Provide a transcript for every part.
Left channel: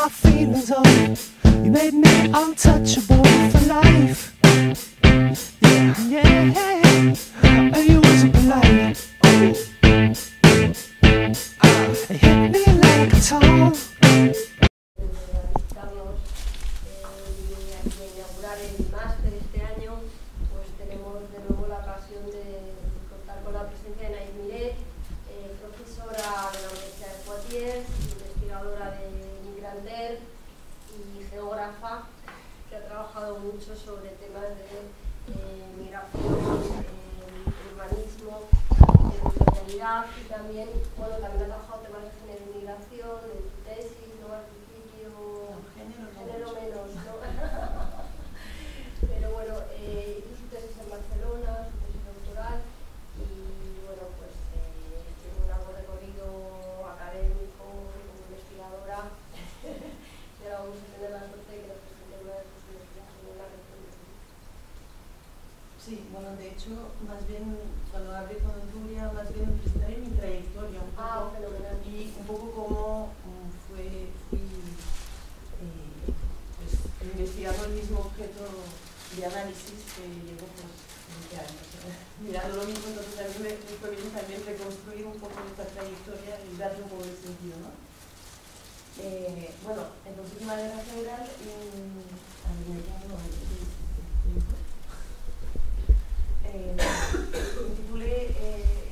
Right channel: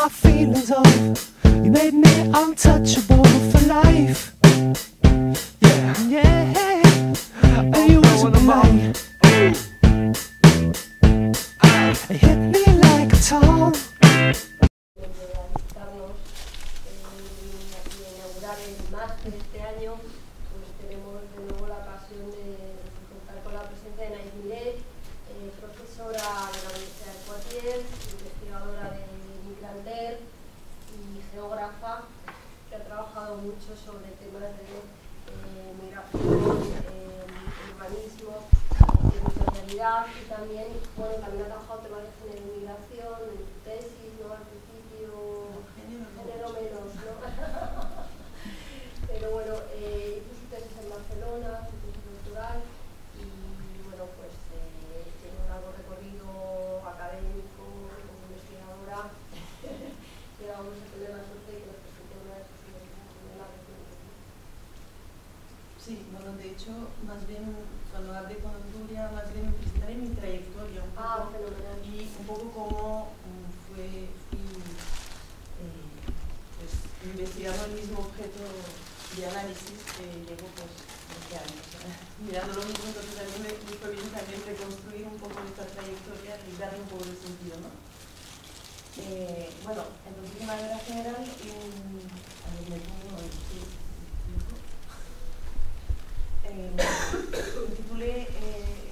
my feelings on. You made me untouchable for life. Yeah, yeah. And you wasn't polite. It hit me like a tone. Inaugurar el máster este año, pues tenemos de nuevo la ocasión de contar con la presencia de Naïm Miret, profesora de la Universidad de Poitiers, investigadora de Migranter y geógrafa, que ha trabajado mucho sobre temas de migración, urbanismo, territorialidad y también, bueno, también ha trabajado temas de género y migración en su tesis, ¿no? Al principio, género menos, ¿no? Pero bueno, hizo su tesis en Barcelona, su tesis doctoral, y bueno, pues tiene un largo recorrido académico como investigadora. Y ahora vamos a tener la suerte de que nos presente una de sus investigaciones en la región. Sí, bueno, de hecho, más bien cuando hablé con Nuria, más bien me presentaré mi trayectoria un poco, fenomenal. Y un poco cómo fui pues, investigando el mismo objeto de análisis que llevo pues 20 años. Mirando lo mismo, entonces a mí me fue bien también reconstruir un poco esta trayectoria y darle un poco de sentido, ¿no? Bueno, entonces de manera general, intitulé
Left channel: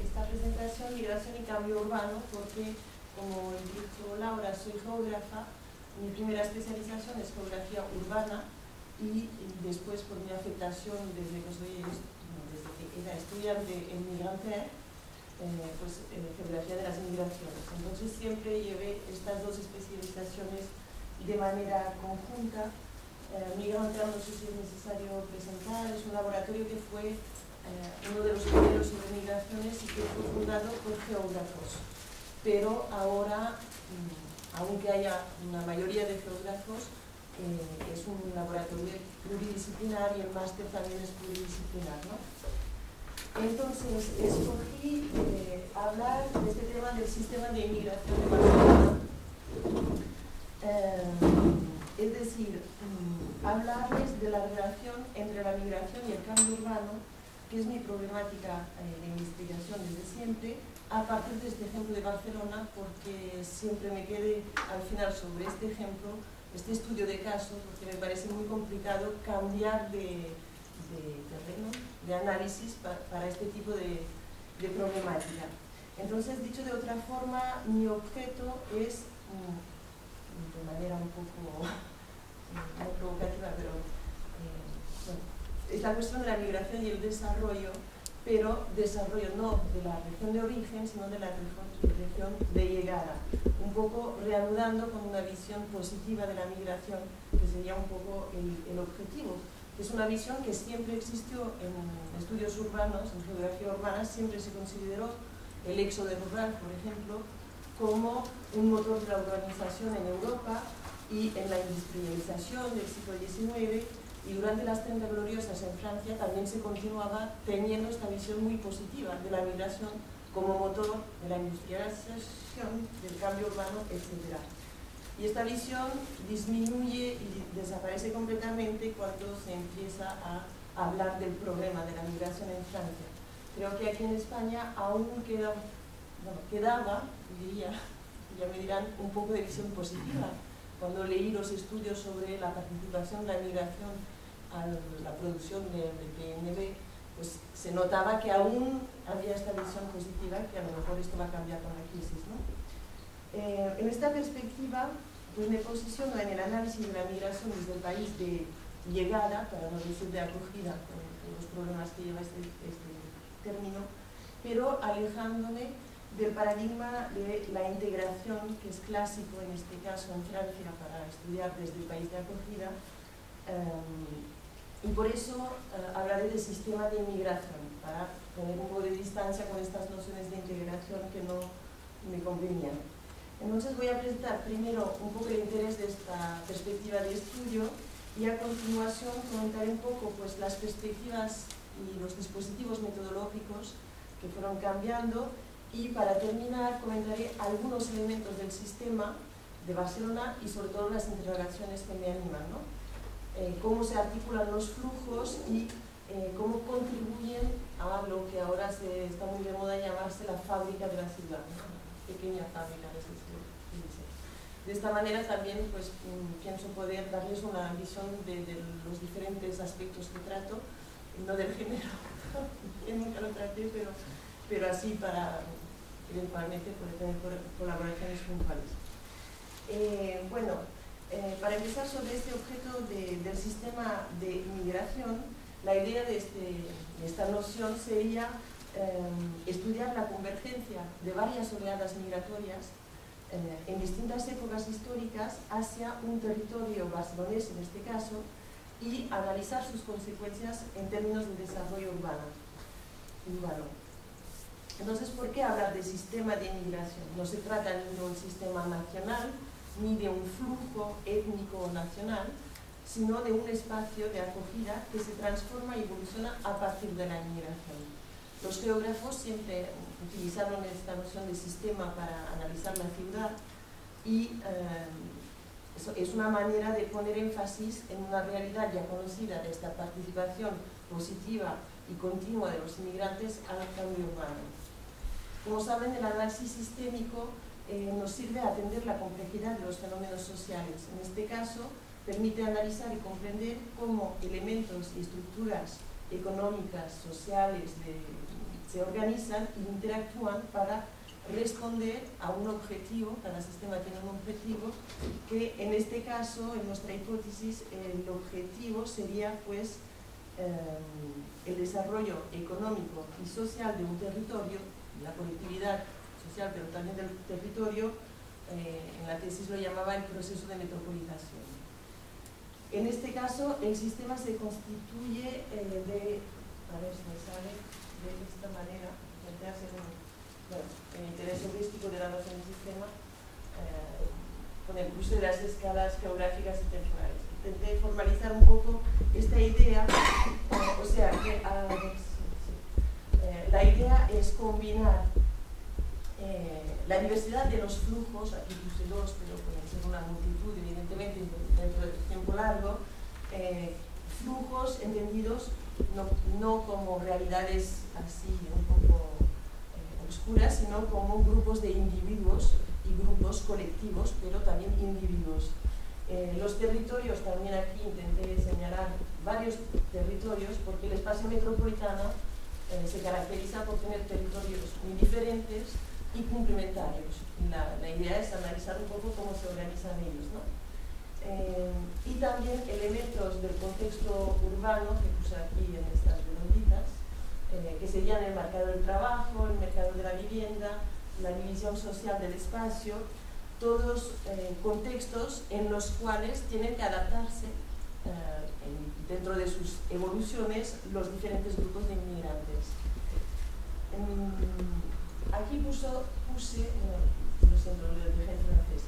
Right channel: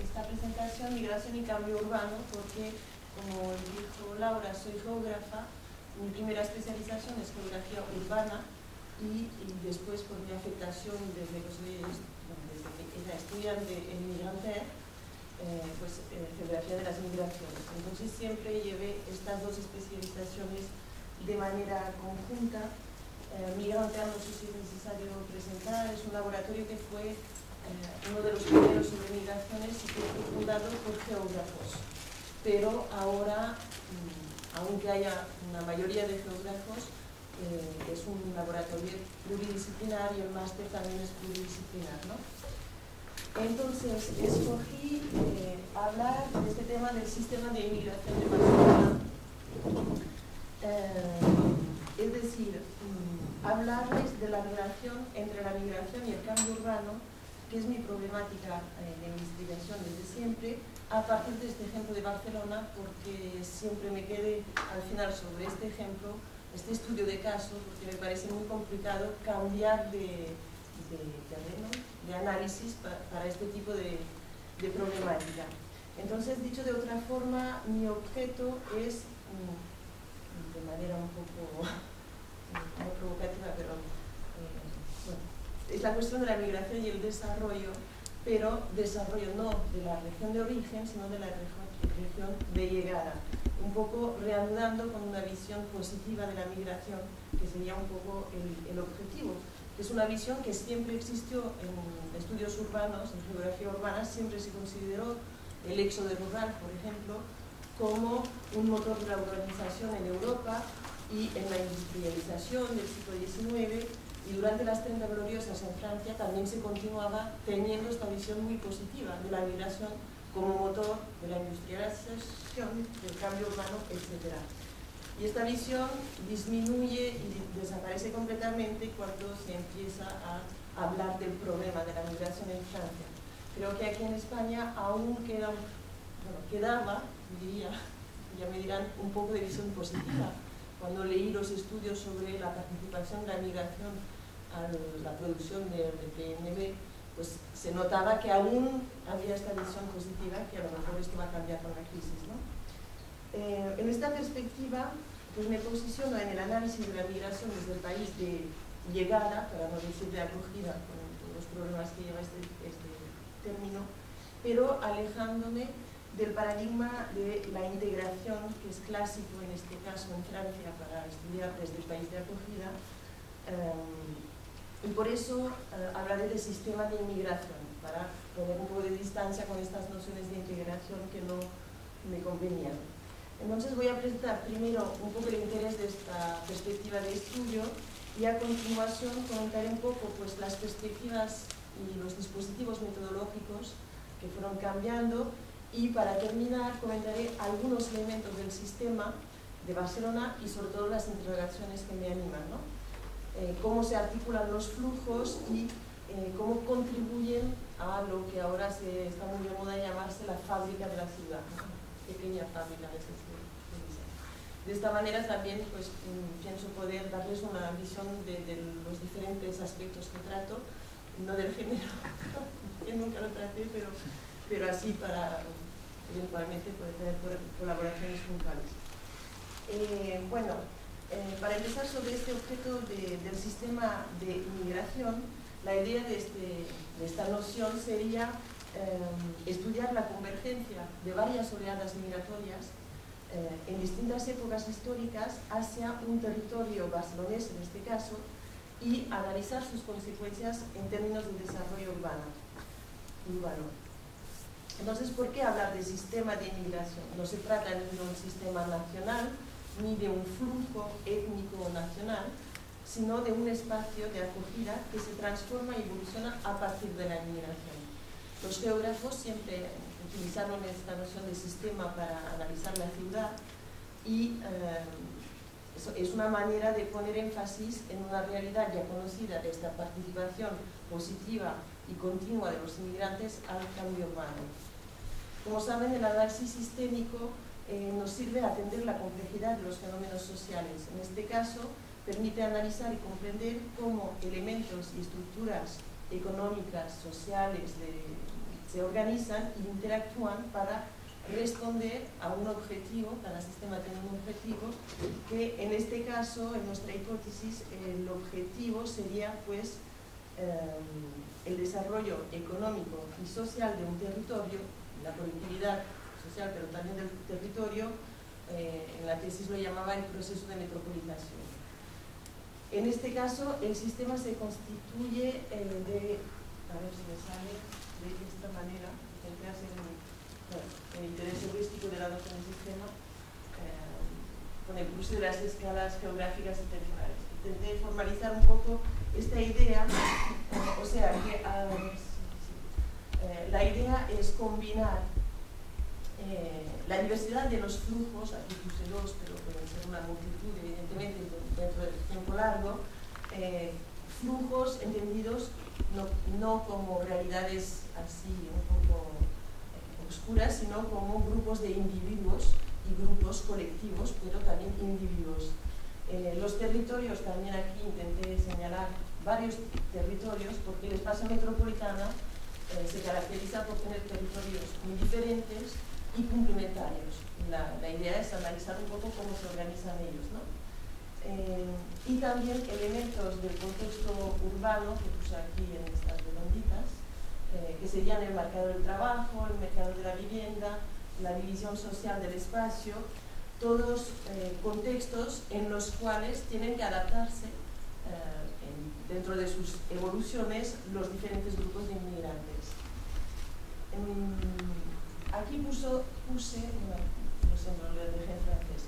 esta presentación Migración y Cambio Urbano porque, como dijo Laura, soy geógrafa. Mi primera especialización es geografía urbana y después, por mi afectación desde que era estudiante en Migranter, pues geografía de las migraciones. Entonces siempre llevé estas dos especializaciones de manera conjunta. Migranter, no sé si es necesario presentar, es un laboratorio que fue uno de los primeros sobre migraciones y que fue fundado por geógrafos. Pero ahora, aunque haya una mayoría de geógrafos, es un laboratorio pluridisciplinar y el máster también es pluridisciplinar, ¿no? Entonces, escogí hablar de este tema del sistema de inmigración de Barcelona. Es decir, hablarles de la relación entre la migración y el cambio urbano, que es mi problemática de investigación desde siempre, a partir de este ejemplo de Barcelona, porque siempre me quedé al final sobre este ejemplo, este estudio de caso, porque me parece muy complicado cambiar de terreno, de análisis para este tipo de problemática. Entonces, dicho de otra forma, mi objeto es, de manera un poco muy provocativa, pero bueno, es la cuestión de la migración y el desarrollo, pero desarrollo no de la región de origen, sino de la región de llegada. Un poco reanudando con una visión positiva de la migración, que sería un poco el objetivo. Es una visión que siempre existió en estudios urbanos, en geografía urbana, siempre se consideró el éxodo rural, por ejemplo, como un motor de la urbanización en Europa y en la industrialización del siglo XIX. Y durante las 30 gloriosas en Francia también se continuaba teniendo esta visión muy positiva de la migración como motor de la industrialización, del cambio urbano, etc. Y esta visión disminuye y desaparece completamente cuando se empieza a hablar del problema de la migración en Francia. Creo que aquí en España aún quedaba, diría, ya me dirán, un poco de visión positiva. Cuando leí los estudios sobre la participación de la migración a la producción del PNB, pues se notaba que aún había esta visión positiva, que a lo mejor esto va a cambiar con la crisis, ¿no? En esta perspectiva, pues me posiciono en el análisis de la migración desde el país de llegada, para no decir de acogida, con todos los problemas que lleva este término, pero alejándome del paradigma de la integración, que es clásico en este caso en Francia para estudiar desde el país de acogida, y por eso hablaré del sistema de inmigración, para poner un poco de distancia con estas nociones de integración que no me convenían. Entonces voy a presentar primero un poco el interés de esta perspectiva de estudio y a continuación comentaré un poco pues, las perspectivas y los dispositivos metodológicos que fueron cambiando y para terminar comentaré algunos elementos del sistema de Barcelona y sobre todo las interrogaciones que me animan, ¿no? Cómo se articulan los flujos y cómo contribuyen a lo que ahora está muy de moda llamarse la fábrica de la ciudad, ¿no? Pequeña fábrica de diseño. De esta manera también pues, pienso poder darles una visión de los diferentes aspectos que trato, no del género, que nunca lo traté, pero así para eventualmente poder tener colaboraciones puntuales. Para empezar sobre este objeto del sistema de inmigración, la idea de esta noción sería estudiar la convergencia de varias oleadas migratorias en distintas épocas históricas hacia un territorio barcelonés en este caso y analizar sus consecuencias en términos de desarrollo urbano. Entonces, ¿por qué hablar de sistema de inmigración? No se trata de un sistema nacional ni de un flujo étnico nacional, sino de un espacio de acogida que se transforma y evoluciona a partir de la inmigración. Los geógrafos siempre utilizaron esta noción de sistema para analizar la ciudad y es una manera de poner énfasis en una realidad ya conocida de esta participación positiva y continua de los inmigrantes al cambio urbano. Como saben, el análisis sistémico nos sirve a atender la complejidad de los fenómenos sociales. En este caso, permite analizar y comprender cómo elementos y estructuras económicas, sociales, se organizan e interactúan para responder a un objetivo. Cada sistema tiene un objetivo que en este caso, en nuestra hipótesis, el objetivo sería pues el desarrollo económico y social de un territorio, la colectividad social pero también del territorio. En la tesis lo llamaba el proceso de metropolización. En este caso, el sistema se constituye a ver si me sale de esta manera, intenté hacer el interés heurístico de la noción de sistema con el uso de las escalas geográficas y temporales. Intenté formalizar un poco esta idea, o sea, que la idea es combinar la diversidad de los flujos, aquí puse dos, pero pueden ser una multitud, evidentemente, dentro del tiempo largo, flujos entendidos no como realidades así un poco oscuras, sino como grupos de individuos y grupos colectivos, pero también individuos. Los territorios, también aquí intenté señalar varios territorios, porque el espacio metropolitano se caracteriza por tener territorios muy diferentes y complementarios. La idea es analizar un poco cómo se organizan ellos, ¿no? Y también elementos del contexto urbano, que puse aquí en estas redonditas, que serían el mercado del trabajo, el mercado de la vivienda, la división social del espacio, todos contextos en los cuales tienen que adaptarse dentro de sus evoluciones los diferentes grupos de inmigrantes. Aquí puse, lo siento, lo dejé en francés,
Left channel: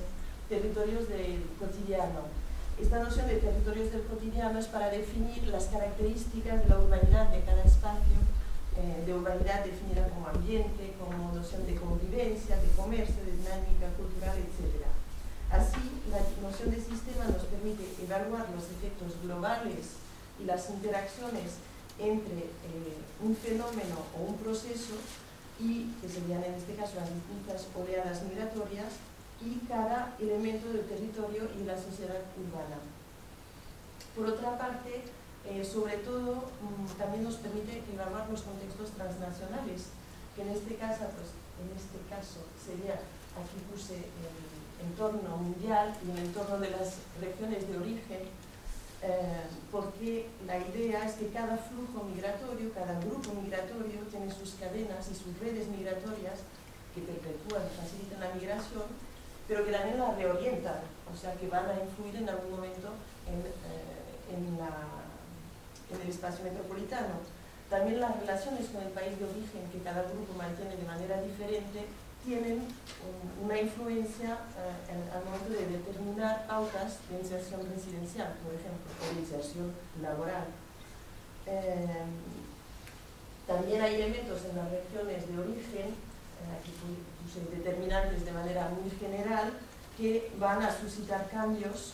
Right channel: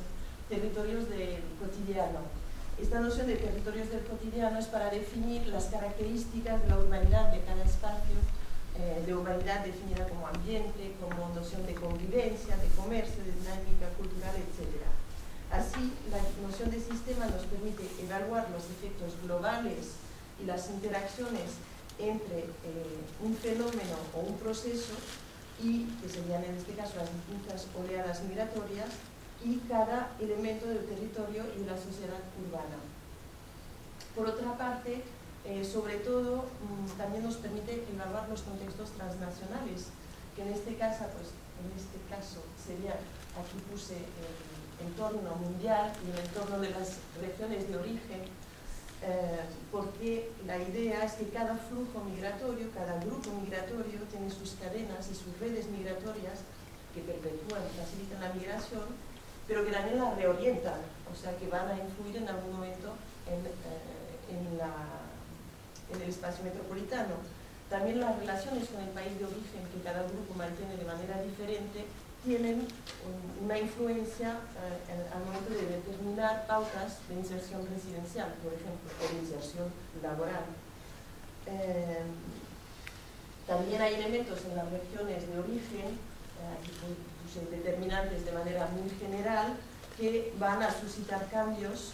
territorios del cotidiano. Esta noción de territorios del cotidiano es para definir las características de la urbanidad de cada espacio, de urbanidad definida como ambiente, como noción de convivencia, de comercio, de dinámica cultural, etc. Así, la noción de sistema nos permite evaluar los efectos globales y las interacciones entre un fenómeno o un proceso, y que serían en este caso las distintas oleadas migratorias, y cada elemento del territorio y de la sociedad urbana. Por otra parte, sobre todo, también nos permite evaluar los contextos transnacionales, que en este caso sería, aquí puse el entorno mundial y el entorno de las regiones de origen, porque la idea es que cada flujo migratorio, cada grupo migratorio tiene sus cadenas y sus redes migratorias que perpetúan y facilitan la migración, pero que también la reorientan, o sea que van a influir en algún momento en el espacio metropolitano. También las relaciones con el país de origen que cada grupo mantiene de manera diferente tienen una influencia al momento de determinar pautas de inserción residencial, por ejemplo, o de inserción laboral. También hay elementos en las regiones de origen, aquí puse determinantes de manera muy general, que van a suscitar cambios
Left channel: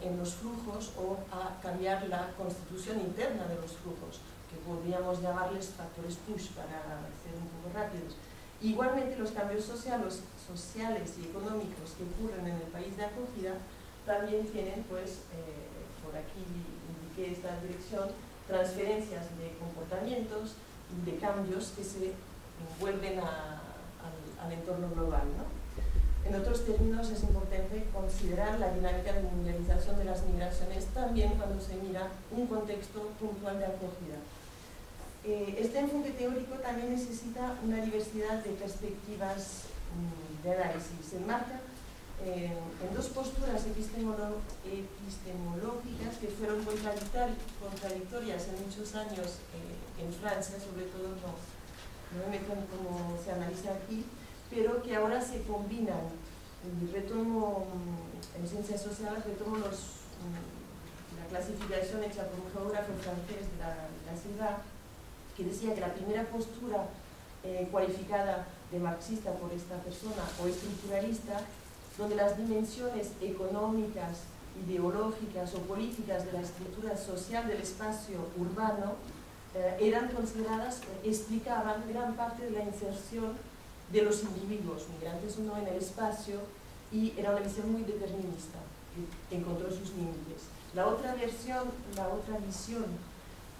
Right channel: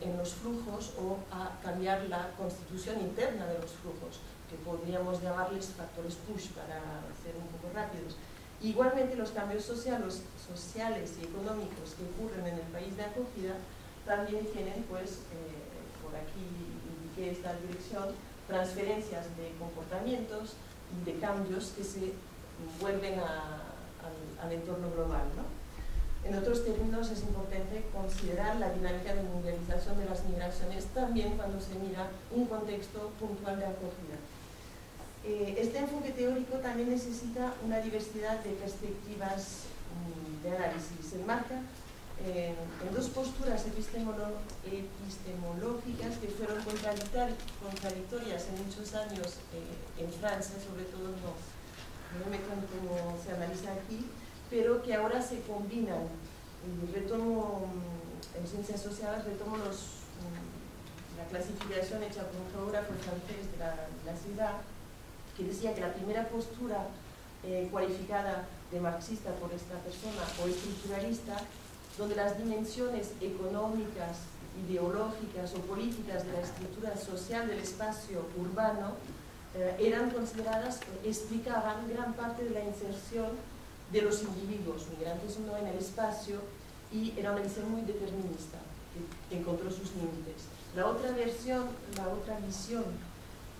en los flujos o a cambiar la constitución interna de los flujos, que podríamos llamarles factores push para ser un poco rápidos. Igualmente, los cambios sociales y económicos que ocurren en el país de acogida también tienen, pues, por aquí indiqué esta dirección, transferencias de comportamientos y de cambios que se vuelven al entorno global, ¿no? En otros términos, es importante considerar la dinámica de mundialización de las migraciones también cuando se mira un contexto puntual de acogida. Este enfoque teórico también necesita una diversidad de perspectivas de análisis. Se enmarca en dos posturas epistemológicas que fueron contradictorias en muchos años en Francia, sobre todo no me meto en cómo se analiza aquí, pero que ahora se combinan. Y retomo, en ciencias sociales, retomo la clasificación hecha por un geógrafo francés de la ciudad, que decía que la primera postura cualificada de marxista por esta persona, o estructuralista, donde las dimensiones económicas, ideológicas o políticas de la estructura social del espacio urbano eran consideradas, explicaban gran parte de la inserción de los individuos migrantes o no en el espacio, y era una visión muy determinista que encontró sus límites. La otra visión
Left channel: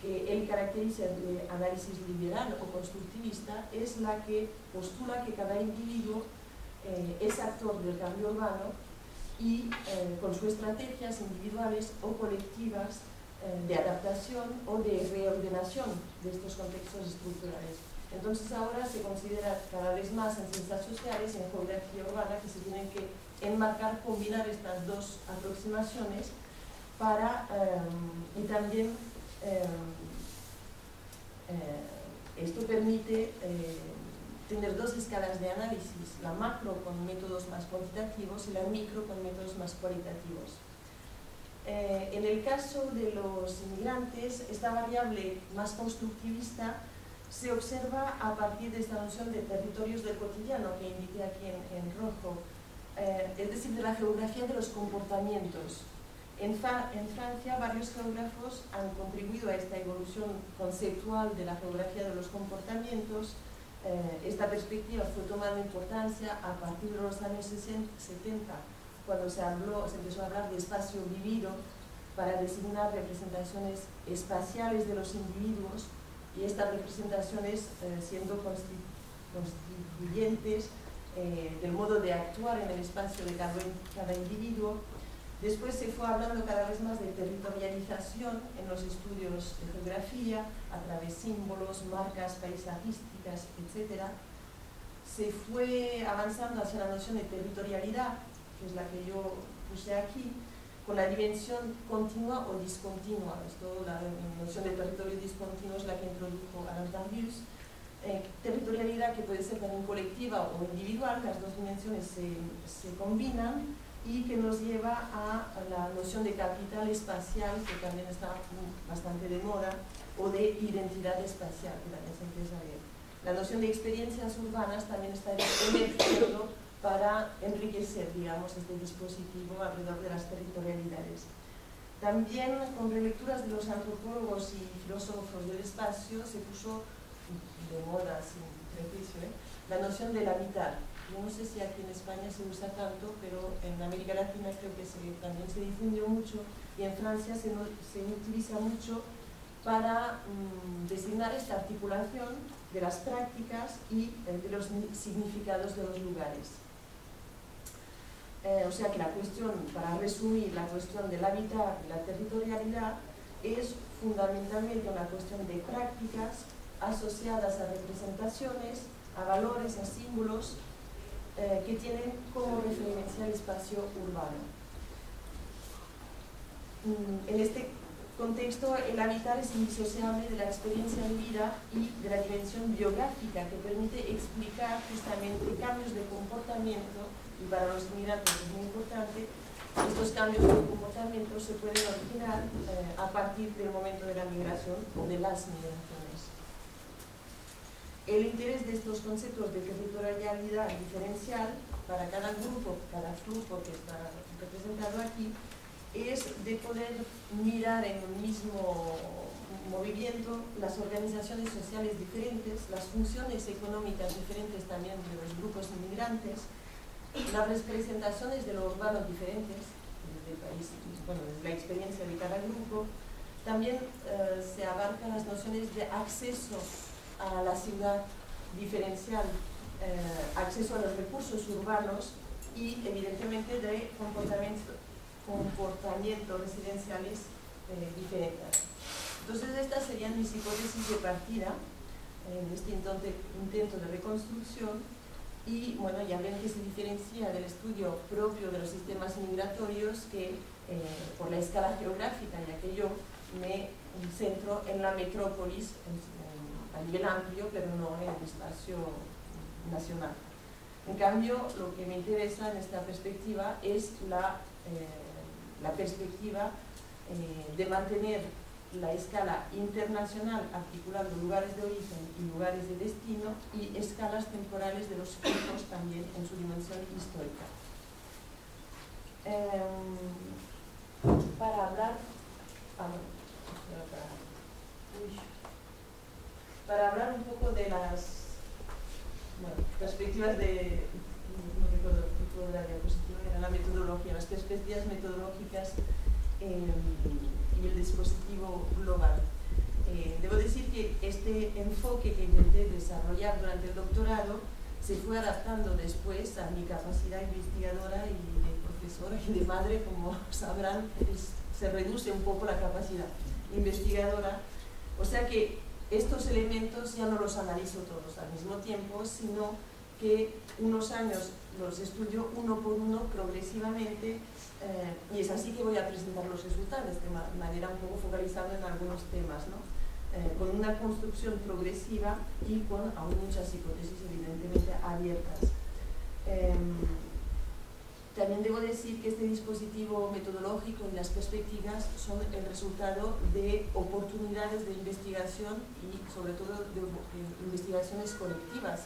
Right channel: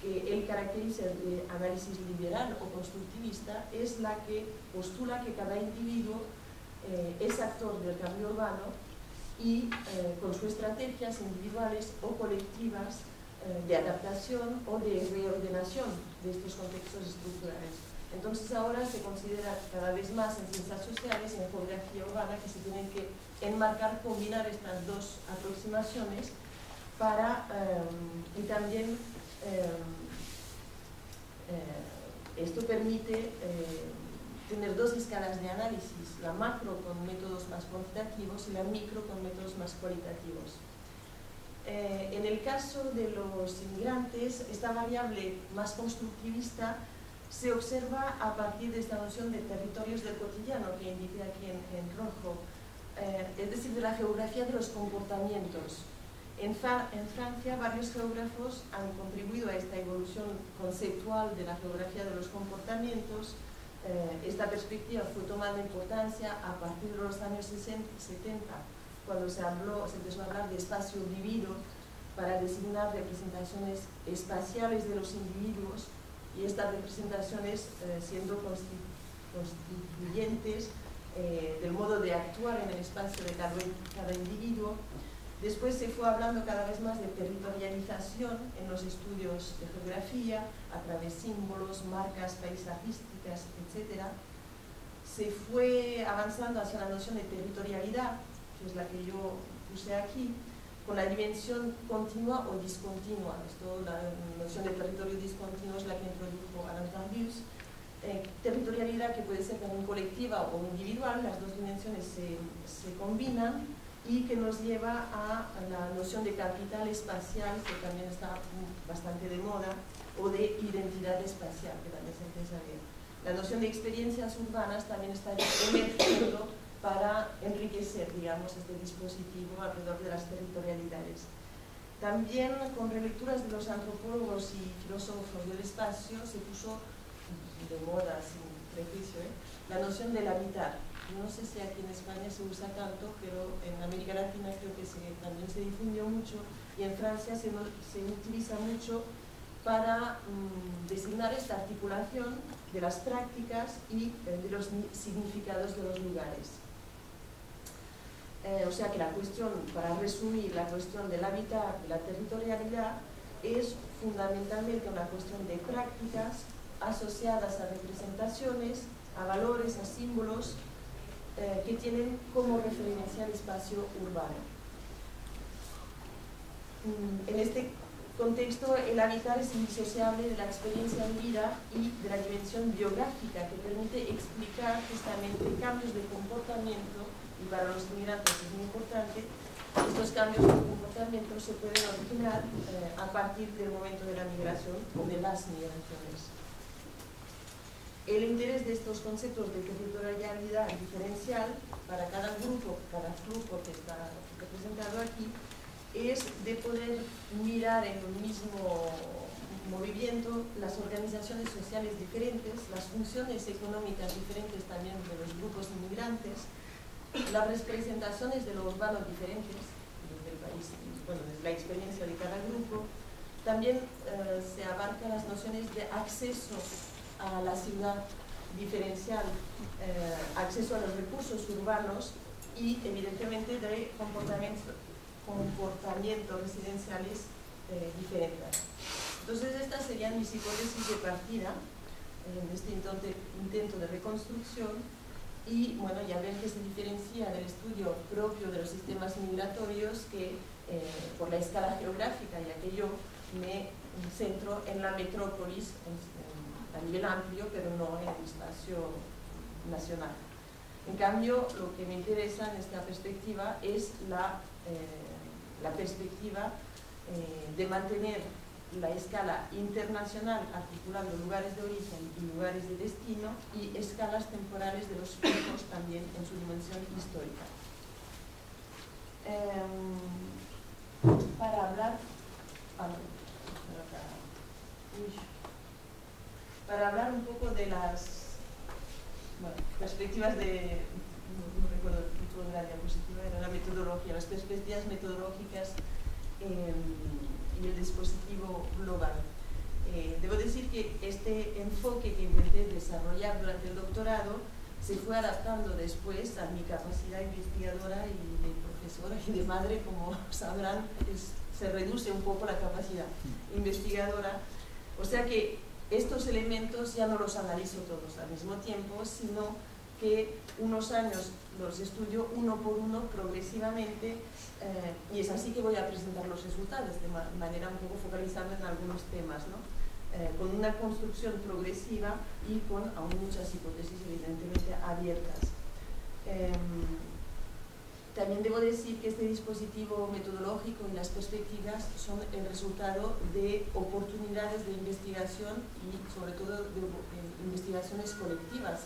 que él caracteriza de análisis liberal o constructivista es la que postula que cada individuo es actor del cambio urbano y con sus estrategias individuales o colectivas de adaptación o de reordenación de estos contextos estructurales. Entonces ahora se considera cada vez más en ciencias sociales y en geografía urbana que se tienen que enmarcar, combinar estas dos aproximaciones para, y también esto permite tener dos escalas de análisis, la macro con métodos más cuantitativos y la micro con métodos más cualitativos. En el caso de los inmigrantes, esta variable más constructivista se observa a partir de esta noción de territorios del cotidiano que indiqué aquí en rojo, es decir, de la geografía de los comportamientos. En Francia, varios geógrafos han contribuido a esta evolución conceptual de la geografía de los comportamientos. Esta perspectiva fue tomando importancia a partir de los años 70, cuando se empezó a hablar de espacio vivido para designar representaciones espaciales de los individuos, y estas representaciones siendo constituyentes del modo de actuar en el espacio de cada individuo. Después se fue hablando cada vez más de territorialización en los estudios de geografía, a través de símbolos, marcas paisajísticas, etc. Se fue avanzando hacia la noción de territorialidad, que es la que yo puse aquí, con la dimensión continua o discontinua. Esto, la noción de territorio discontinuo es la que introdujo Alain Darius. Territorialidad que puede ser también colectiva o individual, las dos dimensiones se combinan, y que nos lleva a la noción de capital espacial, que también está bastante de moda, o de identidad espacial, que también se empieza a ver. La noción de experiencias urbanas también está emergiendo para enriquecer, digamos, este dispositivo alrededor de las territorialidades. También, con relecturas de los antropólogos y filósofos del espacio, se puso de moda, sin prejuicio, la noción del habitar. Yo no sé si aquí en España se usa tanto, pero en América Latina creo que también se difundió mucho, y en Francia se utiliza mucho para designar esta articulación de las prácticas y de los significados de los lugares. O sea que la cuestión, para resumir, la cuestión del hábitat y la territorialidad es fundamentalmente una cuestión de prácticas asociadas a representaciones, a valores, a símbolos que tienen como referencia el espacio urbano. En este contexto, el hábitat es indisociable de la experiencia vivida y de la dimensión biográfica, que permite explicar justamente cambios de comportamiento, y para los inmigrantes es muy importante. Estos cambios de comportamiento se pueden originar a partir del momento de la migración o de las migraciones. El interés de estos conceptos de territorialidad diferencial para cada grupo que está representado aquí, es de poder mirar en un mismo movimiento las organizaciones sociales diferentes, las funciones económicas diferentes también de los grupos inmigrantes, las representaciones de los urbanos diferentes desde el país, bueno, desde la experiencia de cada grupo. También se abarcan las nociones de acceso a la ciudad diferencial, acceso a los recursos urbanos y evidentemente de comportamientos residenciales diferentes. Entonces estas serían mis hipótesis de partida en este intento de reconstrucción y bueno, ya ven que se diferencia del estudio propio de los sistemas migratorios que por la escala geográfica, ya que yo me centro en la metrópolis a nivel amplio, pero no en el espacio nacional. En cambio, lo que me interesa en esta perspectiva es la perspectiva de mantener la escala internacional articulando lugares de origen y lugares de destino y escalas temporales de los flujos también en su dimensión histórica. Para hablar un poco de las perspectivas de, no recuerdo el tipo de la diapositiva, era la metodología, las perspectivas metodológicas y el dispositivo global. Debo decir que este enfoque que intenté desarrollar durante el doctorado se fue adaptando después a mi capacidad investigadora y de profesora y de madre, como sabrán, se reduce un poco la capacidad investigadora, o sea que estos elementos ya no los analizo todos al mismo tiempo, sino que unos años los estudio uno por uno progresivamente y es así que voy a presentar los resultados de manera un poco focalizada en algunos temas, ¿no? Con una construcción progresiva y con aún muchas hipótesis evidentemente abiertas. También debo decir que este dispositivo metodológico y las perspectivas son el resultado de oportunidades de investigación y sobre todo de investigaciones colectivas,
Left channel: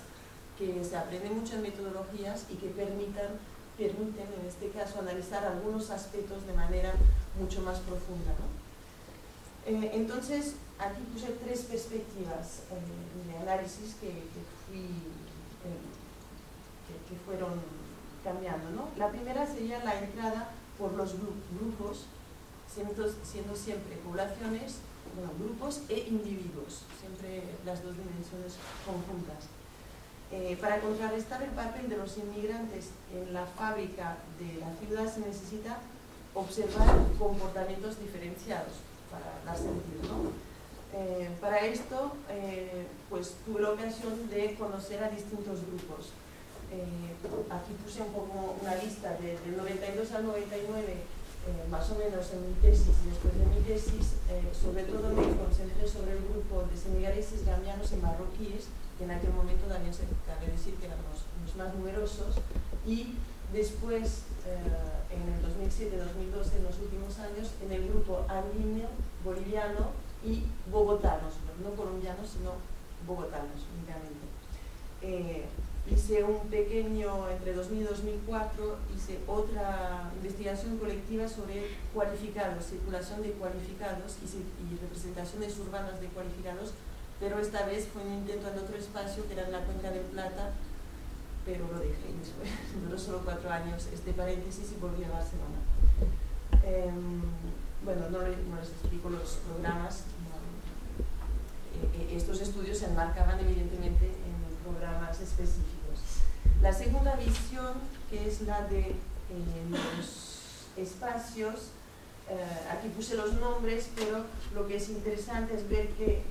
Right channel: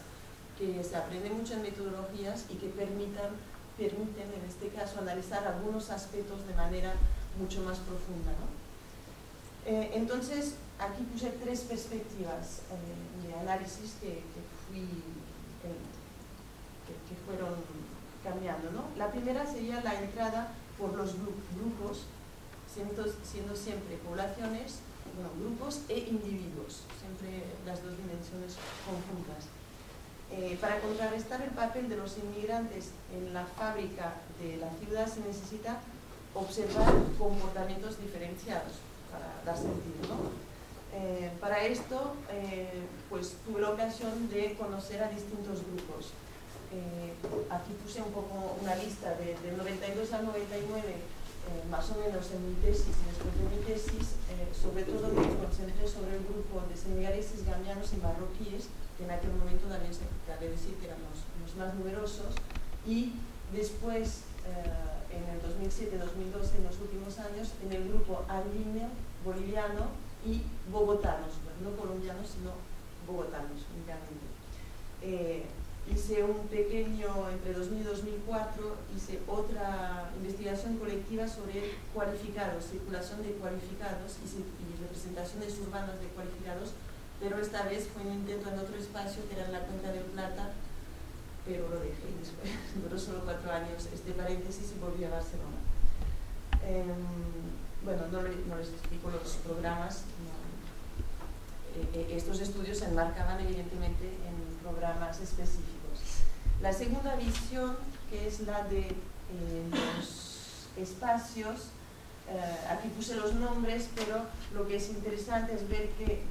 que se aprende mucho en metodologías y que permiten en este caso analizar algunos aspectos de manera mucho más profunda, ¿no? Entonces aquí puse tres perspectivas de análisis que fueron cambiando, ¿no? La primera sería la entrada por los grupos, siendo siempre poblaciones, bueno, grupos e individuos, siempre las dos dimensiones conjuntas. Para contrarrestar el papel de los inmigrantes en la fábrica de la ciudad se necesita observar comportamientos diferenciados para dar sentido, ¿no? Para esto, pues tuve la ocasión de conocer a distintos grupos. Aquí puse un poco una lista del 92 al 99, más o menos en mi tesis y después de mi tesis, sobre todo me concentré sobre el grupo de senegaleses, gambianos y marroquíes, que en aquel momento también se cabe decir que eran los más numerosos, y después, en el 2007-2012, en los últimos años, en el grupo andino, boliviano y bogotanos, no colombianos, sino bogotanos únicamente. Hice un pequeño, entre 2000 y 2004, hice otra investigación colectiva sobre cualificados, circulación de cualificados y representaciones urbanas de cualificados, pero esta vez fue un intento en otro espacio que era en la Cuenca del Plata, pero lo dejé después, duró solo 4 años este paréntesis y volví a Barcelona. Bueno, no les explico los programas, estos estudios se enmarcaban evidentemente en programas específicos. La segunda visión, que es la de los espacios, aquí puse los nombres, pero lo que es interesante es ver que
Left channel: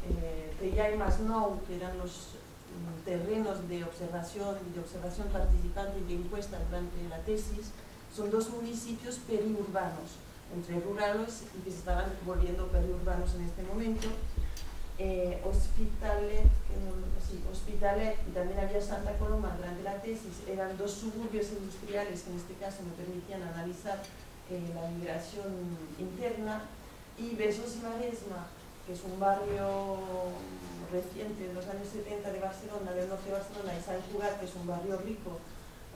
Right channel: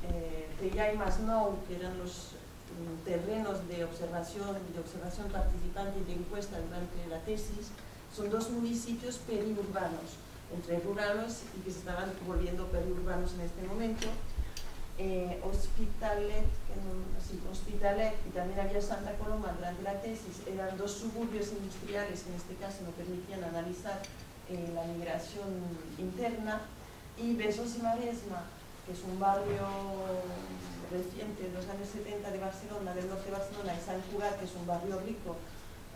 Tellà y Masnou, que eran los terrenos de observación participante y de encuesta durante la tesis, son dos municipios periurbanos, entre rurales y que se estaban volviendo periurbanos en este momento. Hospitalet y también había Santa Coloma durante la tesis, eran dos suburbios industriales que en este caso me permitían analizar la migración interna, y Besós y Maresma, que es un barrio reciente de los años 70 de Barcelona, del norte de Barcelona, y Sant Cugat, que es un barrio rico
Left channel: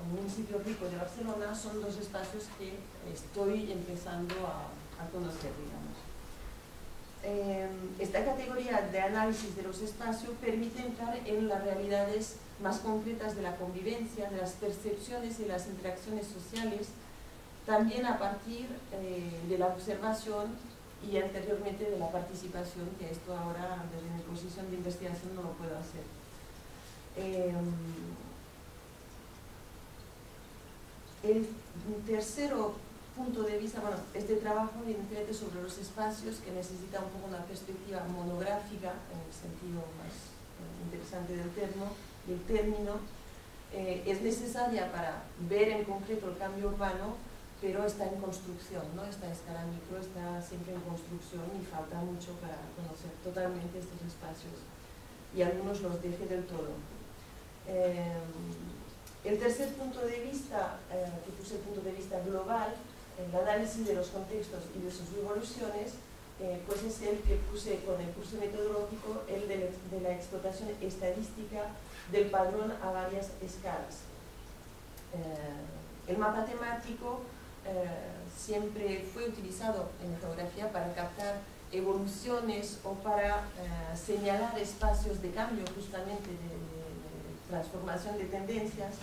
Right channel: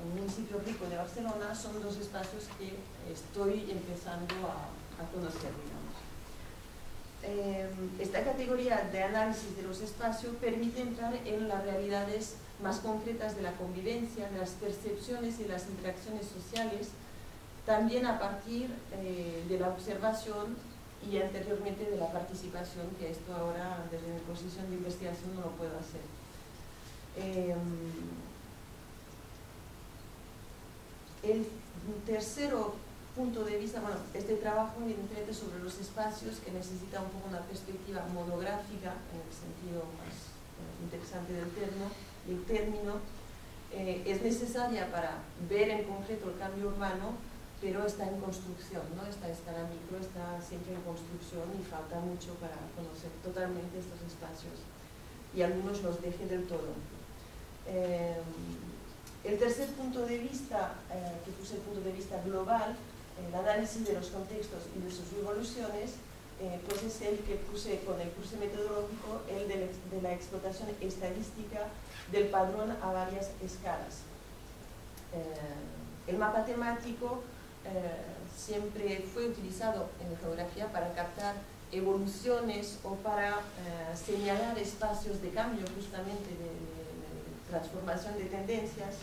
un municipio rico de Barcelona, son dos espacios que estoy empezando a conocer, digamos. Esta categoría de análisis de los espacios permite entrar en las realidades más concretas de la convivencia, de las percepciones y las interacciones sociales, también a partir de la observación y anteriormente de la participación, que esto ahora desde mi posición de investigación no lo puedo hacer. El tercero punto de vista, bueno, este trabajo evidentemente sobre los espacios, que necesita un poco una perspectiva monográfica en el sentido más interesante del término, es necesaria para ver en concreto el cambio urbano, pero está en construcción, ¿no? Esta escala micro está siempre en construcción y falta mucho para conocer totalmente estos espacios, y algunos los deje del todo. El tercer punto de vista, que puse el punto de vista global, el análisis de los contextos y de sus evoluciones, pues es el que puse con el curso metodológico, el de la explotación estadística del padrón a varias escalas. El mapa temático siempre fue utilizado en geografía para captar evoluciones o para señalar espacios de cambio, justamente de transformación de tendencias,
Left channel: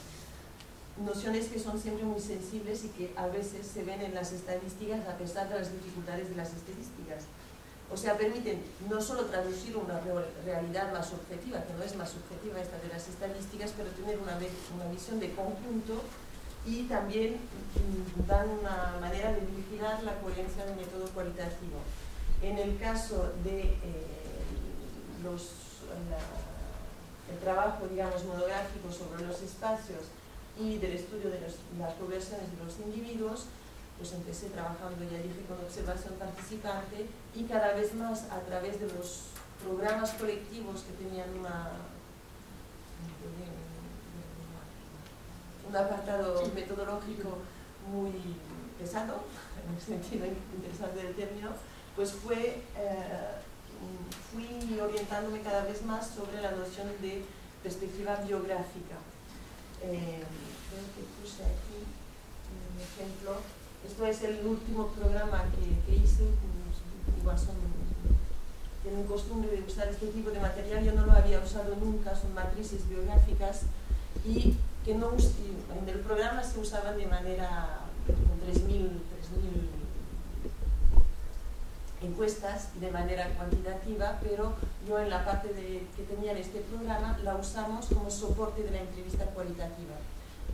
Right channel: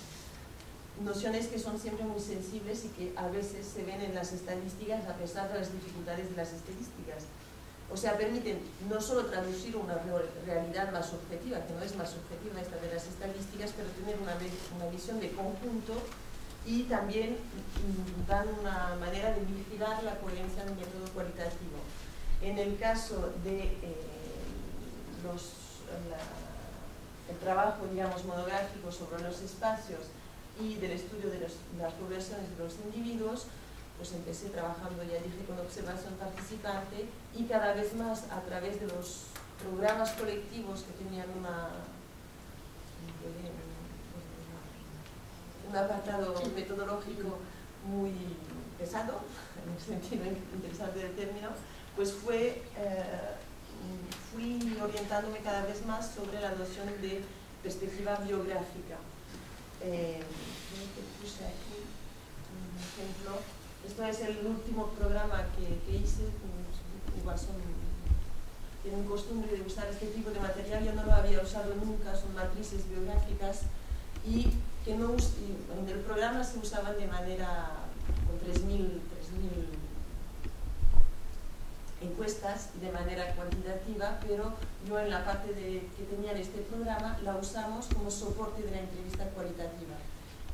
nociones que son siempre muy sensibles y que a veces se ven en las estadísticas a pesar de las dificultades de las estadísticas. O sea, permiten no solo traducir una realidad más objetiva, que no es más objetiva esta de las estadísticas, pero tener una visión de conjunto, y también dan una manera de vigilar la coherencia del método cualitativo. En el caso de el trabajo, digamos, monográfico sobre los espacios y del estudio de las poblaciones de los individuos, pues empecé trabajando, ya dije, con observación participante, y cada vez más a través de los programas colectivos que tenían un apartado metodológico muy pesado, en el sentido interesante del término, pues fui orientándome cada vez más sobre la noción de perspectiva biográfica. Creo que puse aquí un ejemplo. Esto es el último programa que hice. Igual tienen costumbre de usar este tipo de material, yo no lo había usado nunca, son matrices biográficas, y que no en el programa se usaban de manera con 3.000 encuestas de manera cuantitativa, pero yo en la parte que tenía en este programa la usamos como soporte de la entrevista cualitativa.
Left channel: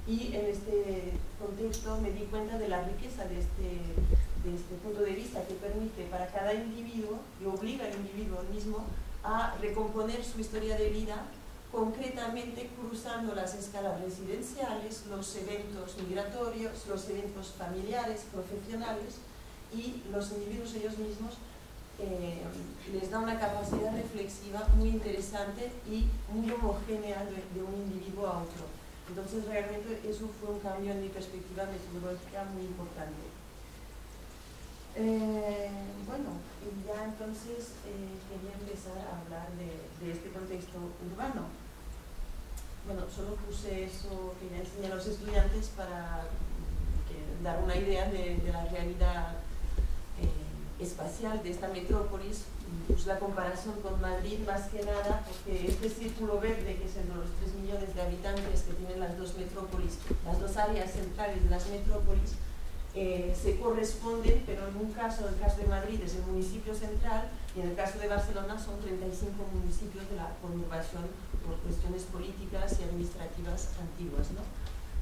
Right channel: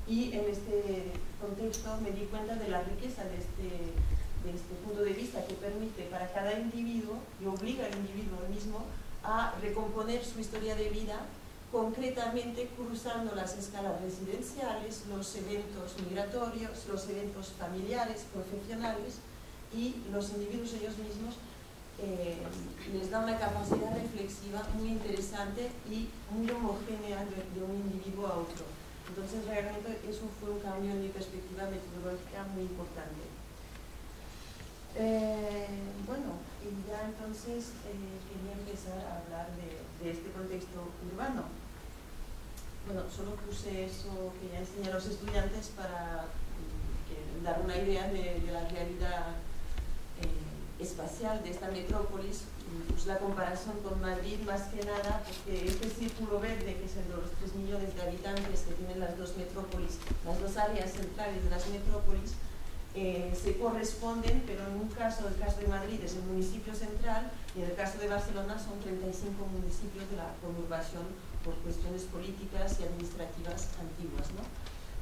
Y en este contexto me di cuenta de la riqueza de este punto de vista, que permite para cada individuo, y obliga al individuo mismo a recomponer su historia de vida, concretamente cruzando las escalas residenciales, los eventos migratorios, los eventos familiares, profesionales, y los individuos ellos mismos les da una capacidad reflexiva muy interesante y muy homogénea de un individuo a otro. Entonces realmente eso fue un cambio en mi perspectiva metodológica muy importante. Bueno, y ya entonces quería empezar a hablar de este contexto urbano. Bueno, solo puse eso que ya enseñé a los estudiantes para dar una idea de la realidad espacial de esta metrópolis. Pues la comparación con Madrid, más que nada, porque este círculo verde, que es el de los 3 millones de habitantes que tienen las dos metrópolis, las dos áreas centrales de las metrópolis, se corresponden, pero en un caso, el caso de Madrid es el municipio central, y en el caso de Barcelona son 35 municipios de la conurbación por cuestiones políticas y administrativas antiguas, ¿no?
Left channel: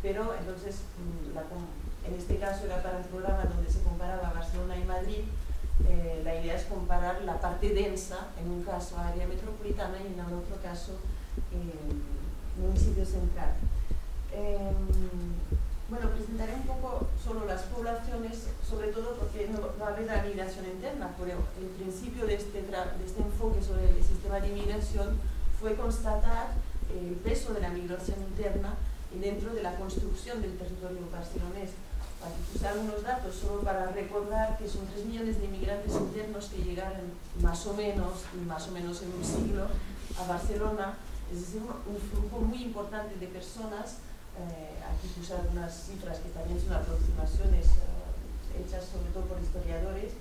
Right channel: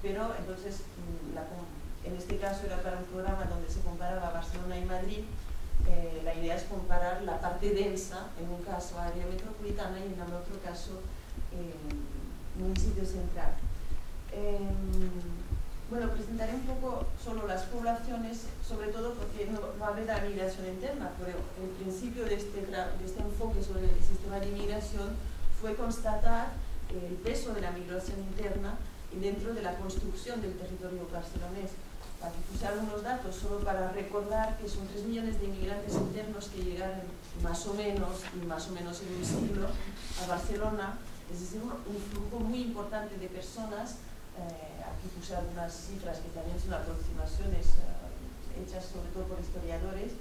Pero entonces, en este caso era para un programa donde se comparaba Barcelona y Madrid. La idea es comparar la parte densa, en un caso área metropolitana y en el otro caso municipio central. Bueno, presentaré un poco solo las poblaciones, sobre todo porque no hablé de la migración interna, pero el principio de este enfoque sobre el sistema de migración fue constatar el peso de la migración interna dentro de la construcción del territorio barcelonés. Aquí puse algunos datos solo para recordar que son 3 millones de inmigrantes internos que llegaron más o menos en un siglo a Barcelona, es decir, un flujo muy importante de personas Aquí puse algunas cifras que también son aproximaciones hechas sobre todo por historiadores,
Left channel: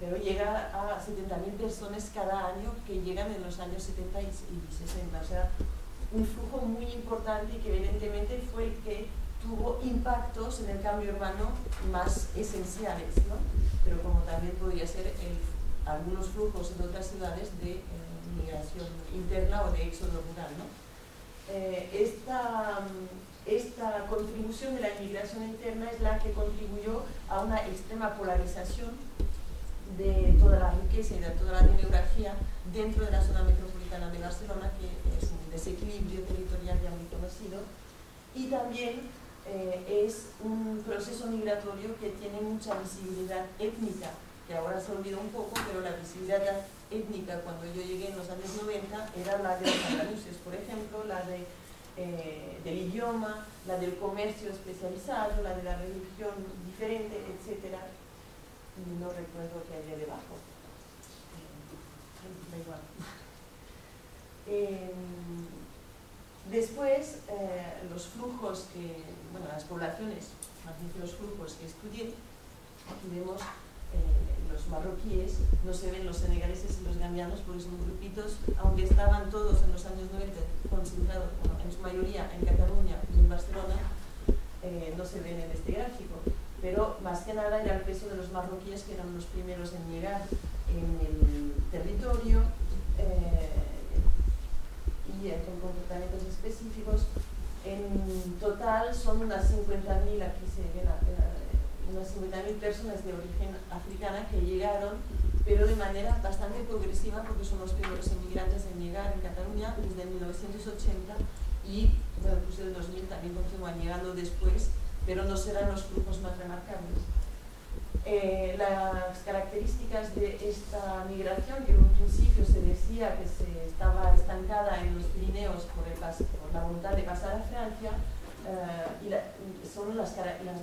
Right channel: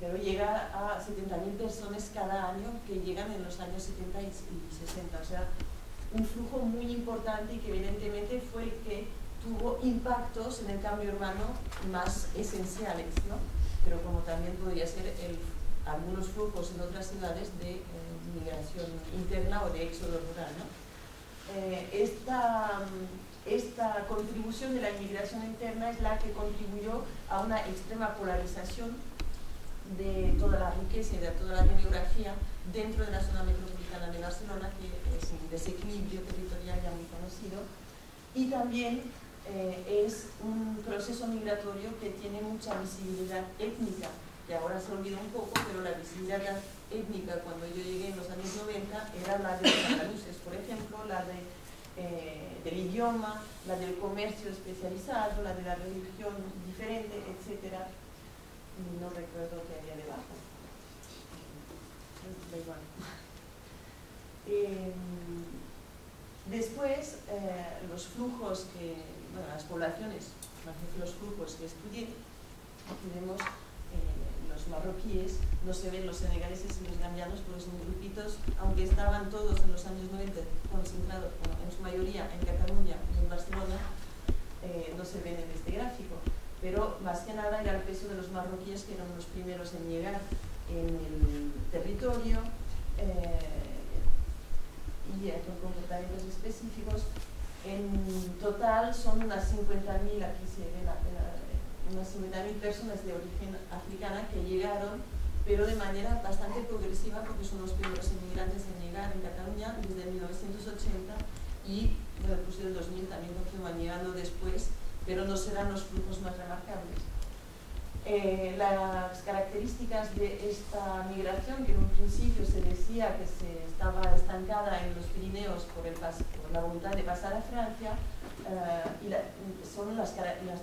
pero llega a 70.000 personas cada año que llegan en los años 70 y 60. O sea, un flujo muy importante y que evidentemente fue el que tuvo impactos en el cambio urbano más esenciales, ¿no? Pero como también podría ser algunos flujos en otras ciudades de migración interna o de éxodo rural, ¿no? Esta contribución de la inmigración interna es la que contribuyó a una extrema polarización de toda la riqueza y de toda la demografía dentro de la zona metropolitana de Barcelona, que es un desequilibrio territorial ya muy conocido, y también es un proceso migratorio que tiene mucha visibilidad étnica, que ahora se olvida un poco, pero la visibilidad étnica cuando yo llegué en los años 90 era la de los andaluces, por ejemplo, la del idioma, la del comercio especializado, la de la religión diferente, etc. No recuerdo qué había debajo. Da igual. Después, los flujos las poblaciones, más bien los flujos que estudié, aquí vemos los marroquíes, no se ven los senegaleses y los gambianos porque son grupitos, aunque estaban todos en los años 90 concentrados, en su mayoría en Cataluña y en Barcelona, no se ven en este gráfico. Pero más que nada era el peso de los marroquíes, que eran los primeros en llegar en el territorio y con comportamientos específicos. En total son unas 50.000, aquí se ven unas 50.000 personas de origen africana que llegaron, pero de manera bastante progresiva, porque son los primeros inmigrantes en llegar en Cataluña desde 1980 y bueno, pues del 2000 también continúan llegando después, pero no serán los flujos más remarcables. Las características de esta migración, que en un principio se decía que se estaba estancada en los Pirineos por la voluntad de pasar a Francia, son las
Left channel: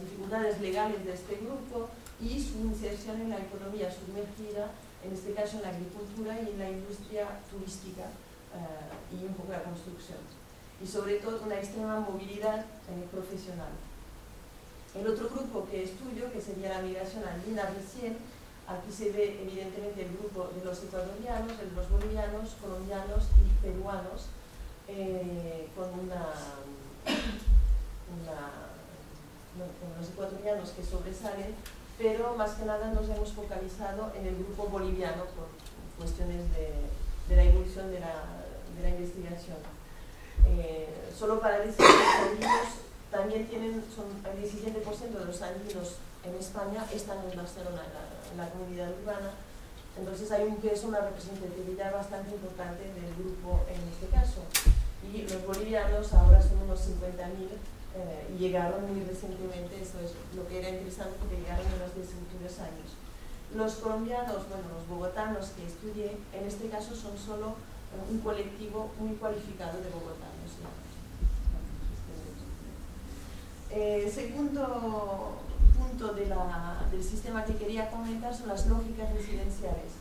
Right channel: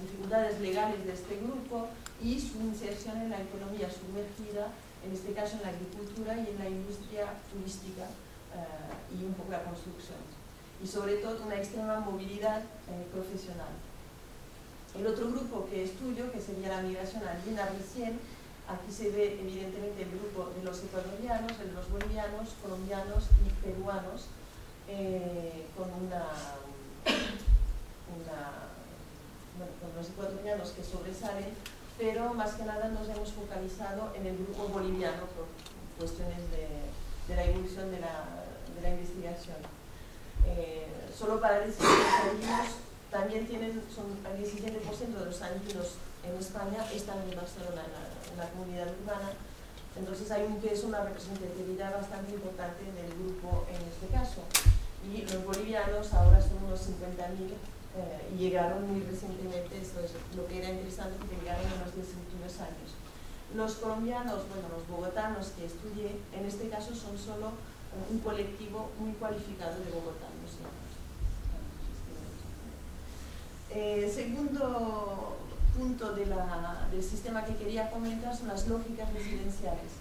dificultades legales de este grupo y su inserción en la economía sumergida, en este caso en la agricultura y en la industria turística y un poco la construcción. Y sobre todo una extrema movilidad profesional. El otro grupo que estudio, que sería la migración andina recién, aquí se ve evidentemente el grupo de los ecuatorianos, de los bolivianos, colombianos y peruanos, con los ecuatorianos que sobresalen, pero más que nada nos hemos focalizado en el grupo boliviano por cuestiones de la evolución de la investigación. Solo para decir que los andinos también son el 17% de los andinos en España están en Barcelona, en la comunidad urbana. Entonces hay un peso, una representatividad bastante importante del grupo en este caso. Y los bolivianos ahora son unos 50.000 y llegaron muy recientemente, eso es lo que era interesante, porque llegaron en los 10 últimos años. Los colombianos, los bogotanos que estudié, en este caso son solo un colectivo muy cualificado de bogotanos. El segundo punto del sistema que quería comentar son las lógicas residenciales.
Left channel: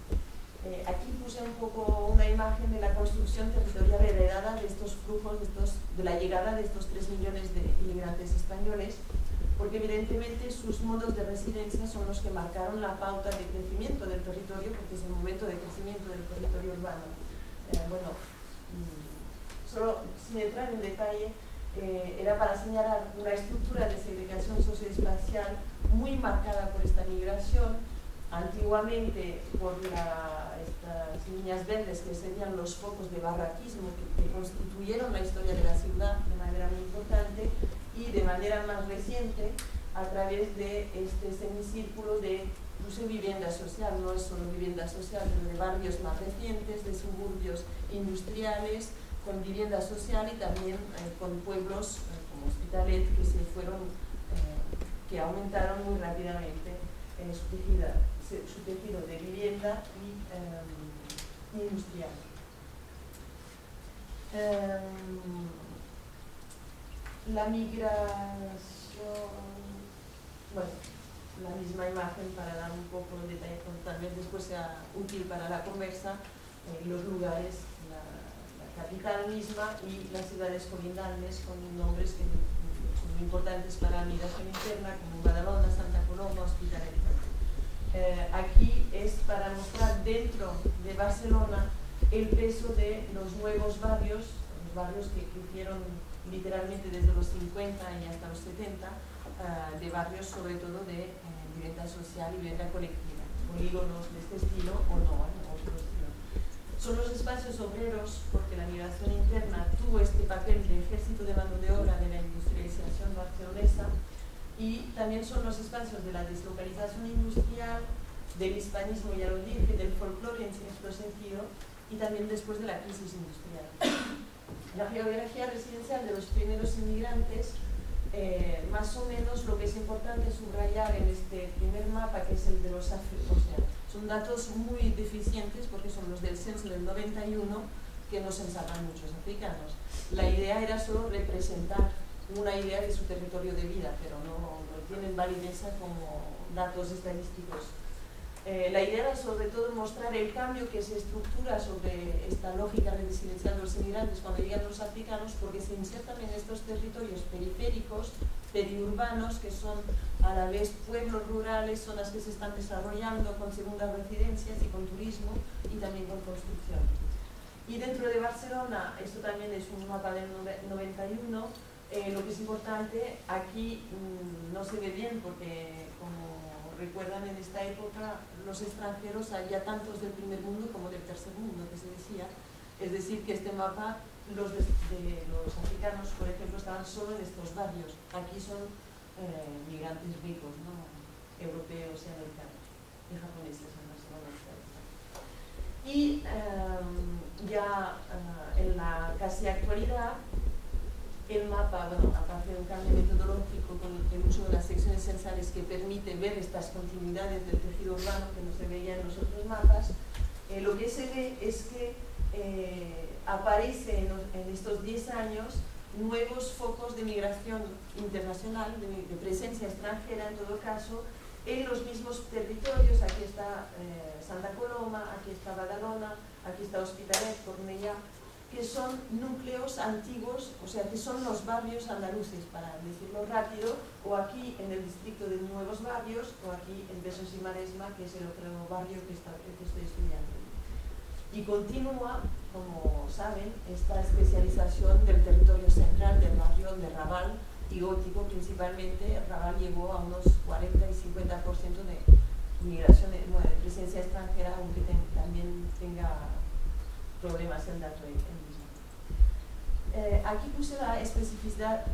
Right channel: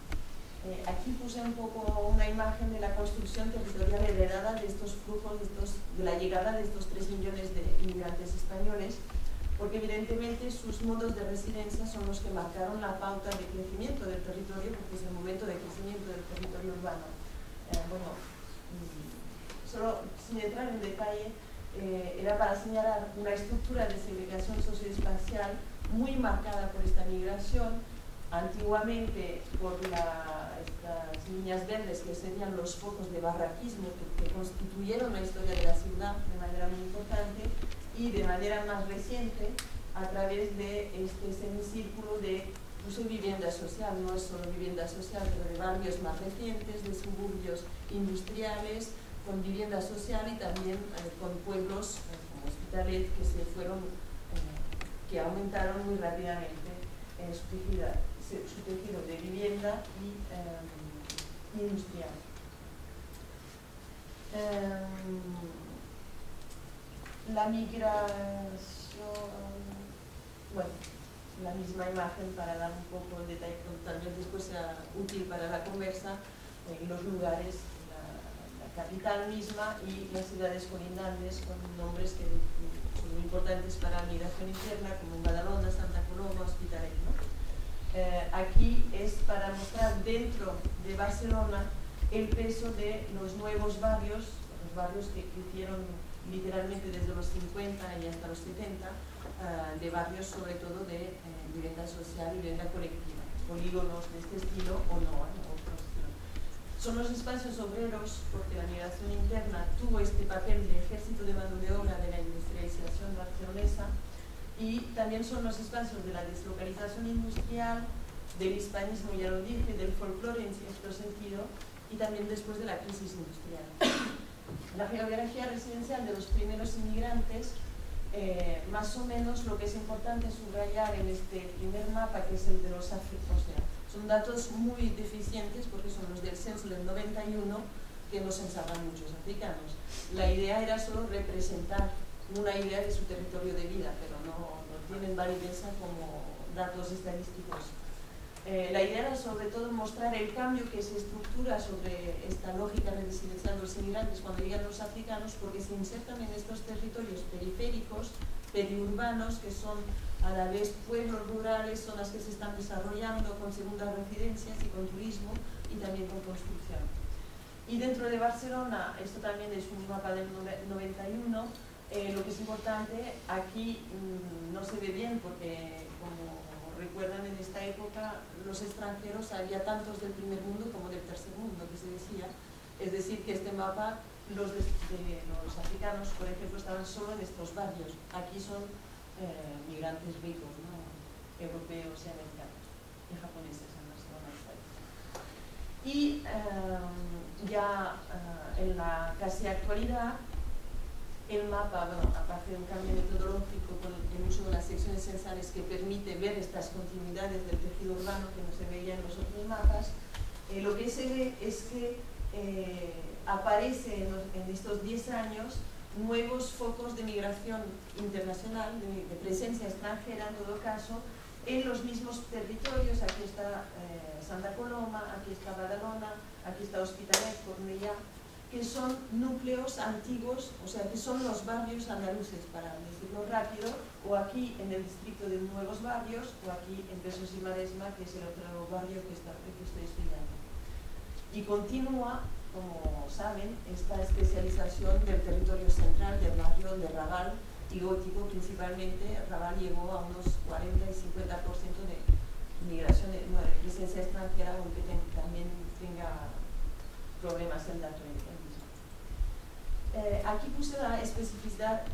Aquí puse un poco una imagen de la construcción territorial heredada de estos flujos, de la llegada de estos 3 millones de inmigrantes españoles, porque evidentemente sus modos de residencia son los que marcaron la pauta de crecimiento del territorio, porque es el momento de crecimiento del territorio urbano. Solo sin entrar en detalle, era para señalar una estructura de segregación socioespacial muy marcada por esta migración, antiguamente por estas líneas verdes que serían los focos de barraquismo que constituyeron la historia de la ciudad de manera muy importante, y de manera más reciente a través de este semicírculo de incluso vivienda social, no es solo vivienda social, pero de barrios más recientes, de suburbios industriales, con vivienda social y también con pueblos como Hospitalet que aumentaron muy rápidamente su tejido de vivienda y industrial. La migración, la misma imagen para dar un poco de detalle, tal vez después sea útil para la conversa, los lugares, la capital misma y las ciudades colindantes con nombres que son muy importantes para la migración interna, como Badalona, Santa Coloma, Hospitalet, ¿no? Aquí es para mostrar dentro de Barcelona el peso de los nuevos barrios, los barrios que crecieron literalmente desde los 50 y hasta los 70, de barrios sobre todo de vivienda social y vivienda colectiva, polígonos de este estilo o no, otro estilo. Son los espacios obreros porque la migración interna tuvo este papel de ejército de mano de obra de la industrialización barcelonesa, y también son los espacios de la deslocalización industrial, del hispanismo, ya lo dije, del folclore en cierto sentido, y también después de la crisis industrial. La geografía residencial de los primeros inmigrantes, más o menos lo que es importante subrayar en este primer mapa, que es el de los africanos, o sea, son datos muy deficientes porque son los del censo del 91, que no censaban muchos africanos. La idea era solo representar una idea de su territorio de vida, pero no tienen validez como datos estadísticos. La idea era sobre todo mostrar el cambio que se estructura sobre esta lógica residencial de los inmigrantes cuando llegan los africanos, porque se insertan en estos territorios periféricos, periurbanos, que son a la vez pueblos rurales, zonas que se están desarrollando con segundas residencias y con turismo y también con construcción. Y dentro de Barcelona, esto también es un mapa del 91, lo que es importante, aquí no se ve bien porque, como recuerdan, en esta época los extranjeros había tantos del primer mundo como del tercer mundo, que se decía. Es decir, que este mapa, los africanos, por ejemplo, estaban solo en estos barrios. Aquí son migrantes ricos, ¿no? Europeos y americanos, y japoneses en Barcelona. Y en la casi actualidad, el mapa, bueno, aparte de un cambio metodológico con el uso de las secciones censales que permite ver estas continuidades del tejido urbano que no se veía en los otros mapas, lo que se ve es que aparece en estos 10 años nuevos focos de migración internacional, de presencia extranjera en todo caso, en los mismos territorios. Aquí está Santa Coloma, aquí está Badalona, aquí está Hospitalet, Cornellà, que son núcleos antiguos, o sea, que son los barrios andaluces, para decirlo rápido, o aquí en el distrito de Nuevos Barrios, o aquí en Besós y Maresma, que es el otro barrio que estoy estudiando. Y continúa, como saben, esta especialización del territorio central, del barrio de Raval y Gótico principalmente. Raval llegó a unos 40 y 50% de migración, de presencia extranjera, aunque también tenga problemas el dato mismo. Aquí puse la especificidad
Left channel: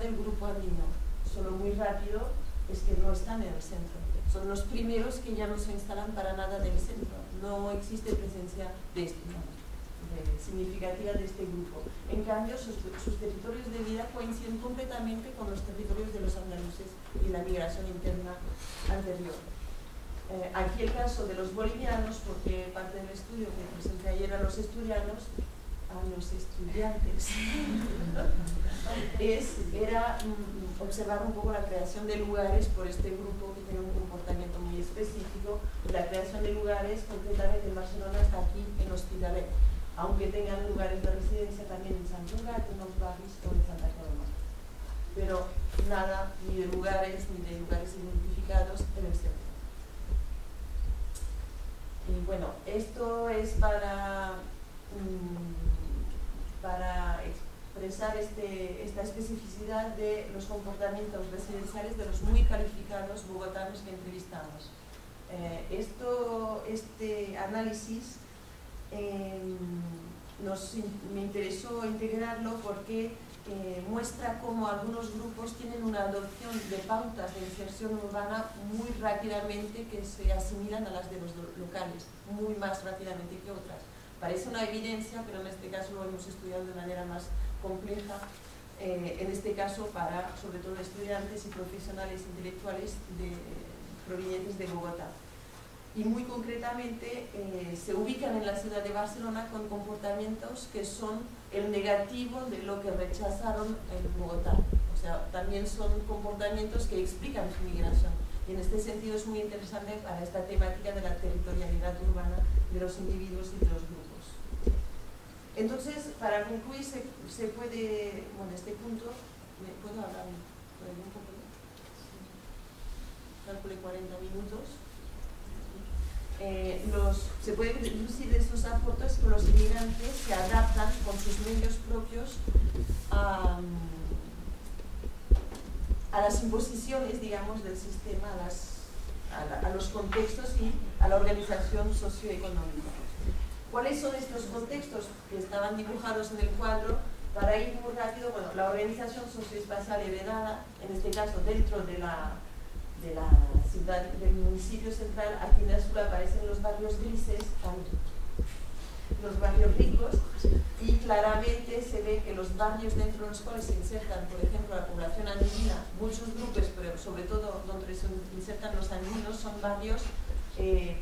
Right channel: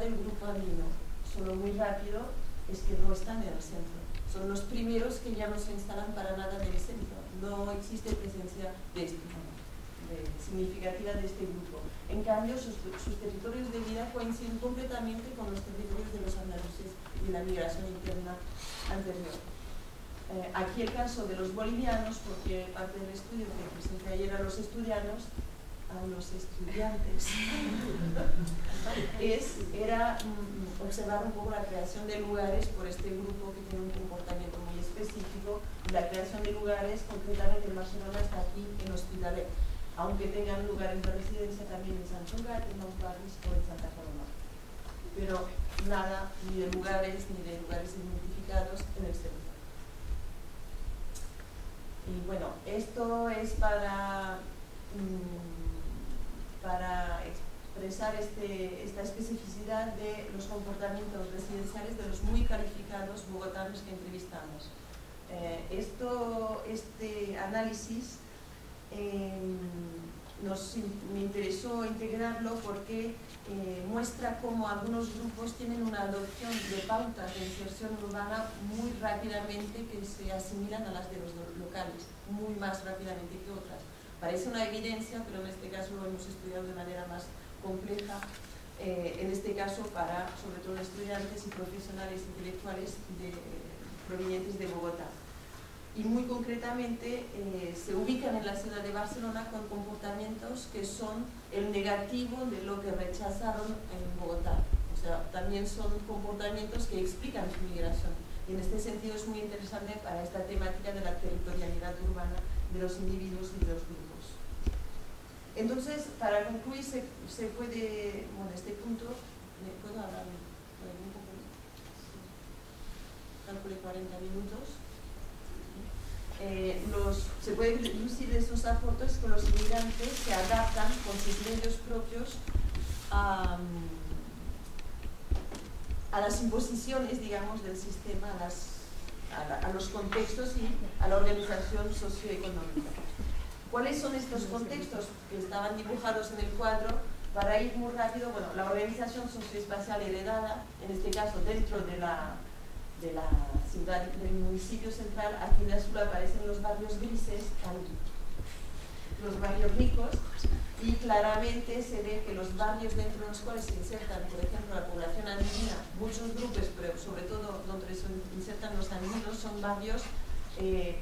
del grupo andino. Solo muy rápido, es que no están en el centro. Son los primeros que ya no se instalan para nada del centro. No existe presencia significativa de este grupo. En cambio, sus territorios de vida coinciden completamente con los territorios de los andaluces y la migración interna anterior. Aquí el caso de los bolivianos, porque parte del estudio que presenté ayer a los estudiantes, era observar un poco la creación de lugares por este grupo que tiene un comportamiento muy específico. La creación de lugares, concretamente en Barcelona, está aquí en Hospitalet, aunque tengan lugares de residencia también en Sant Cugat, en los barrios o en Santa Coloma. Pero nada, ni de lugares identificados en el centro. Y bueno, esto es para expresar esta especificidad de los comportamientos residenciales de los muy calificados bogotanos que entrevistamos. Este análisis me interesó integrarlo porque muestra cómo algunos grupos tienen una adopción de pautas de inserción urbana muy rápidamente que se asimilan a las de los locales, muy más rápidamente que otras. Parece una evidencia, pero en este caso lo hemos estudiado de manera más compleja, en este caso para, sobre todo, estudiantes y profesionales intelectuales provenientes de Bogotá. Y muy concretamente se ubican en la ciudad de Barcelona con comportamientos que son el negativo de lo que rechazaron en Bogotá. O sea, también son comportamientos que explican su migración. Y en este sentido es muy interesante para esta temática de la territorialidad urbana de los individuos y de los grupos. Entonces, para concluir, se puede, bueno, este punto, ¿me puedo hablar un poco? Calculé 40 minutos. Se pueden deducir estos aportes con los inmigrantes que adaptan con sus medios propios a las imposiciones, digamos, del sistema, a los contextos y a la organización socioeconómica. ¿Cuáles son estos contextos que estaban dibujados en el cuadro? Para ir muy rápido, bueno, la organización socioespacial heredada, en este caso dentro de la ciudad, del municipio central, aquí en azul aparecen los barrios grises, los barrios ricos, y claramente se ve que los barrios dentro de los cuales se insertan, por ejemplo, la población andina, muchos grupos, pero sobre todo donde se insertan los andinos, son barrios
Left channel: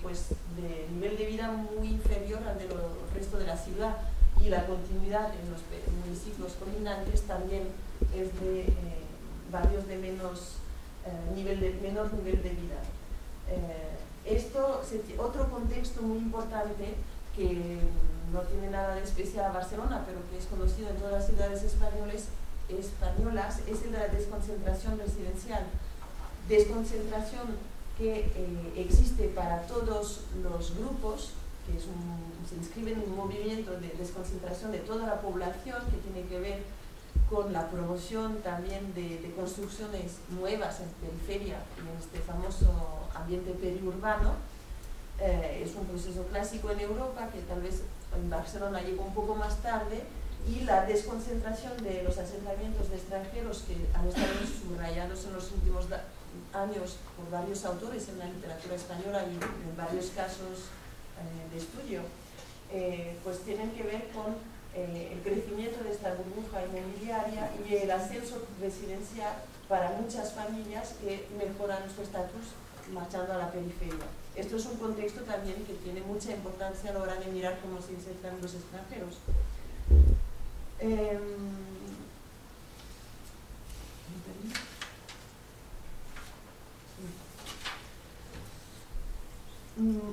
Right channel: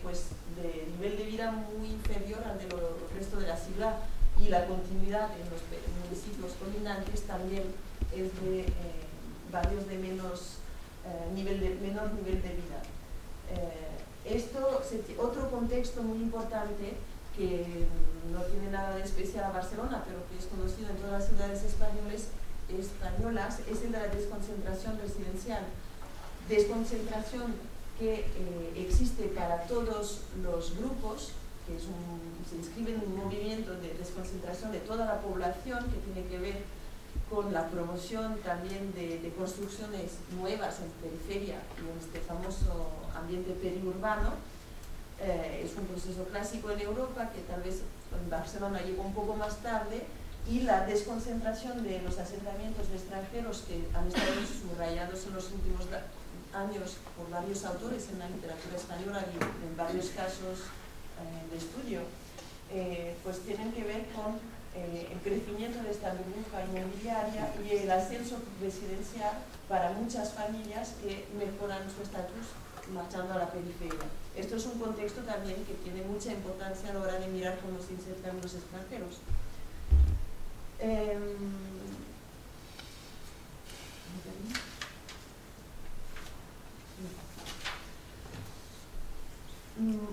pues de nivel de vida muy inferior al del resto de la ciudad, y la continuidad en los municipios colindantes también es de barrios de menor nivel de vida. Otro contexto muy importante que no tiene nada de especial a Barcelona, pero que es conocido en todas las ciudades españolas, es el de la desconcentración residencial. Desconcentración que existe para todos los grupos, que se inscribe en un movimiento de desconcentración de toda la población, que tiene que ver con la promoción también de construcciones nuevas en periferia y en este famoso ambiente periurbano. Es un proceso clásico en Europa que tal vez en Barcelona llegó un poco más tarde, y la desconcentración de los asentamientos de extranjeros que han estado subrayados en los últimos años por varios autores en la literatura española y en varios casos de estudio, pues tienen que ver con el crecimiento de esta burbuja inmobiliaria y el ascenso residencial para muchas familias que mejoran su estatus marchando a la periferia. Esto es un contexto también que tiene mucha importancia a la hora de mirar cómo se insertan los extranjeros.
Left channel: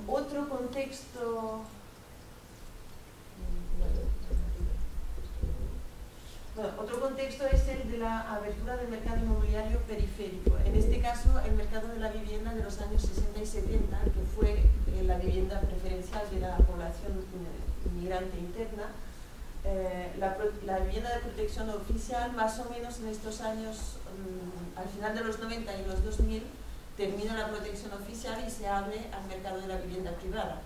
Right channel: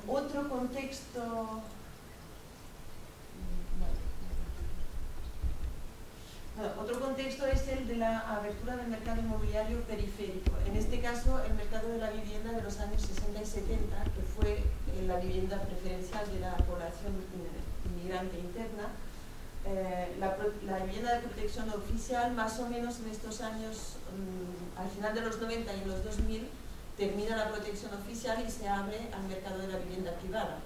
Otro contexto, otro contexto es el de la abertura del mercado inmobiliario periférico. En este caso, el mercado de la vivienda de los años 60 y 70, que fue la vivienda preferencial de la población inmigrante interna. La vivienda de protección oficial, más o menos en estos años, al final de los 90 y en los 2000, termina la protección oficial y se abre al mercado de la vivienda privada.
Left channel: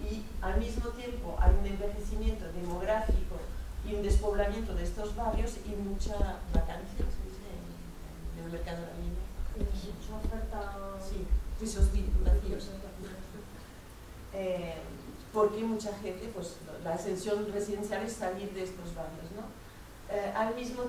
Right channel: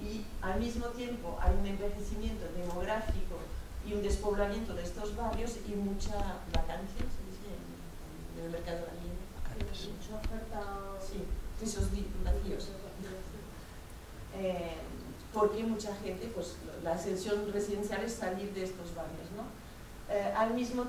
Y al mismo tiempo hay un envejecimiento demográfico y un despoblamiento de estos barrios y mucha vacancia, se dice, en el mercado de la vivienda. Mucha oferta. Sí, pisos vacíos. Porque mucha gente, pues la ascensión residencial es salir de estos barrios, ¿no? Al mismo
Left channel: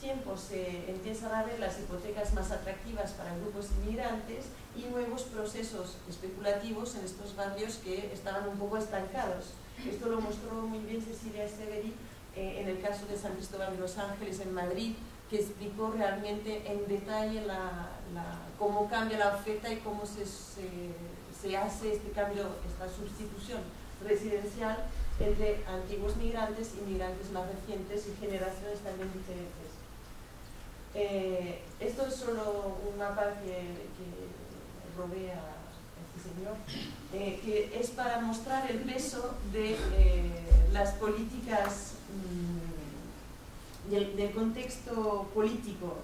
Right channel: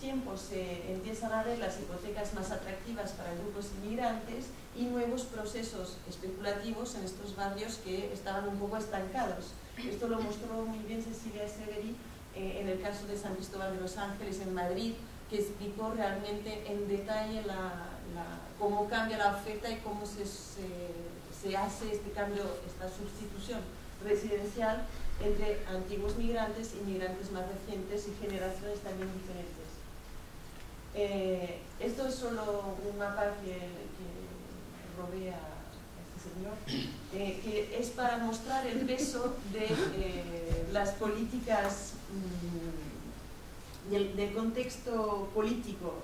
tiempo se empiezan a ver las hipotecas más atractivas para grupos inmigrantes y nuevos procesos especulativos en estos barrios que estaban un poco estancados. Esto lo mostró muy bien Cecilia Severi en el caso de San Cristóbal de los Ángeles en Madrid, que explicó realmente en detalle cómo cambia la oferta y cómo se hace este cambio, esta sustitución residencial entre antiguos migrantes y migrantes más recientes y generaciones también diferentes. Esto es solo un mapa que robé a este señor, que es para mostrar el peso de las políticas del contexto político,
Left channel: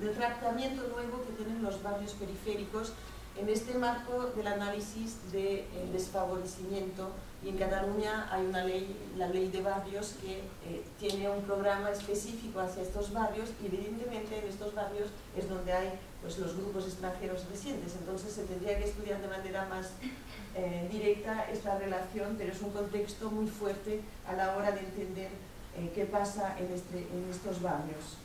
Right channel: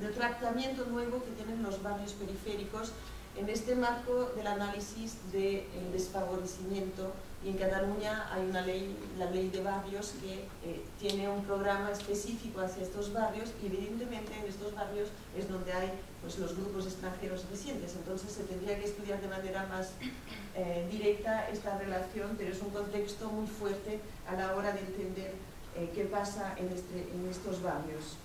del tratamiento nuevo que tienen los barrios periféricos en este marco del análisis del desfavorecimiento. Y en Cataluña hay una ley, la ley de barrios, que tiene un programa específico hacia estos barrios, y evidentemente en estos barrios es donde hay pues, los grupos extranjeros residentes. Entonces se tendría que estudiar de manera más directa esta relación, pero es un contexto muy fuerte a la hora de entender qué pasa en estos barrios.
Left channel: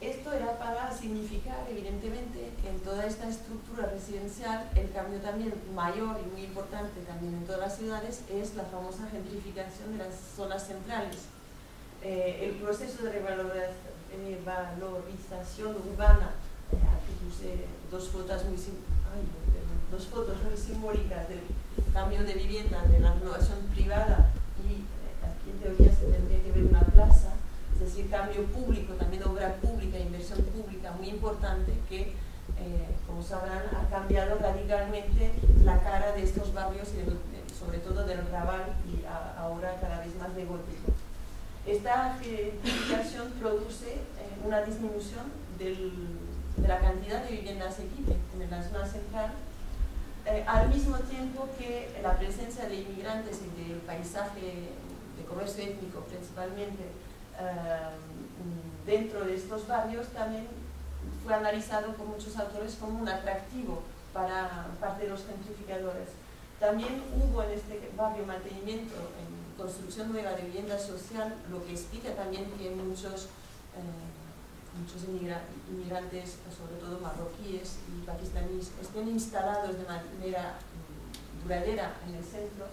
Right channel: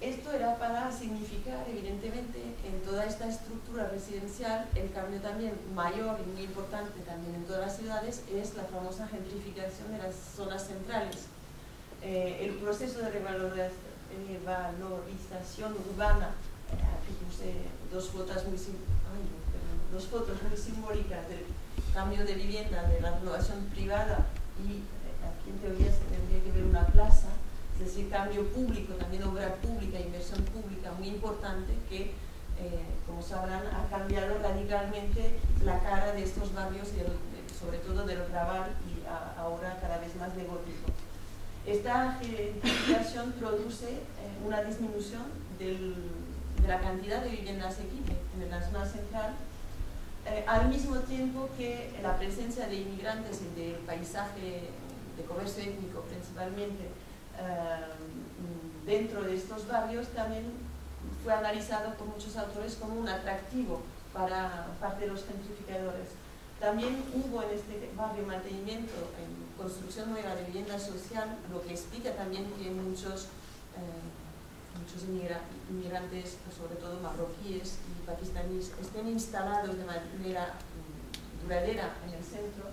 Esto era para significar, evidentemente, en toda esta estructura residencial, el cambio también mayor y muy importante también en todas las ciudades es la famosa gentrificación de las zonas centrales. El proceso de revalorización urbana Aquí puse dos fotos muy simbólicas del cambio de vivienda, de la renovación privada, y aquí en teoría se tendría que ver una plaza, es decir, cambio público, también obra pública, inversión pública muy importante que, como sabrán, ha cambiado radicalmente la cara de estos barrios, sobre todo del Raval, y ahora cada vez más de gótico. Esta gentrificación produce una disminución de la cantidad de vivienda asequible en la zona central, al mismo tiempo que la presencia de inmigrantes y del paisaje de comercio étnico principalmente dentro de estos barrios también fue analizado por muchos autores como un atractivo para parte de los gentrificadores. También hubo en este barrio mantenimiento en construcción nueva de vivienda social, lo que explica también que muchos inmigrantes, sobre todo marroquíes y pakistaníes, estén instalados de manera duradera en el centro.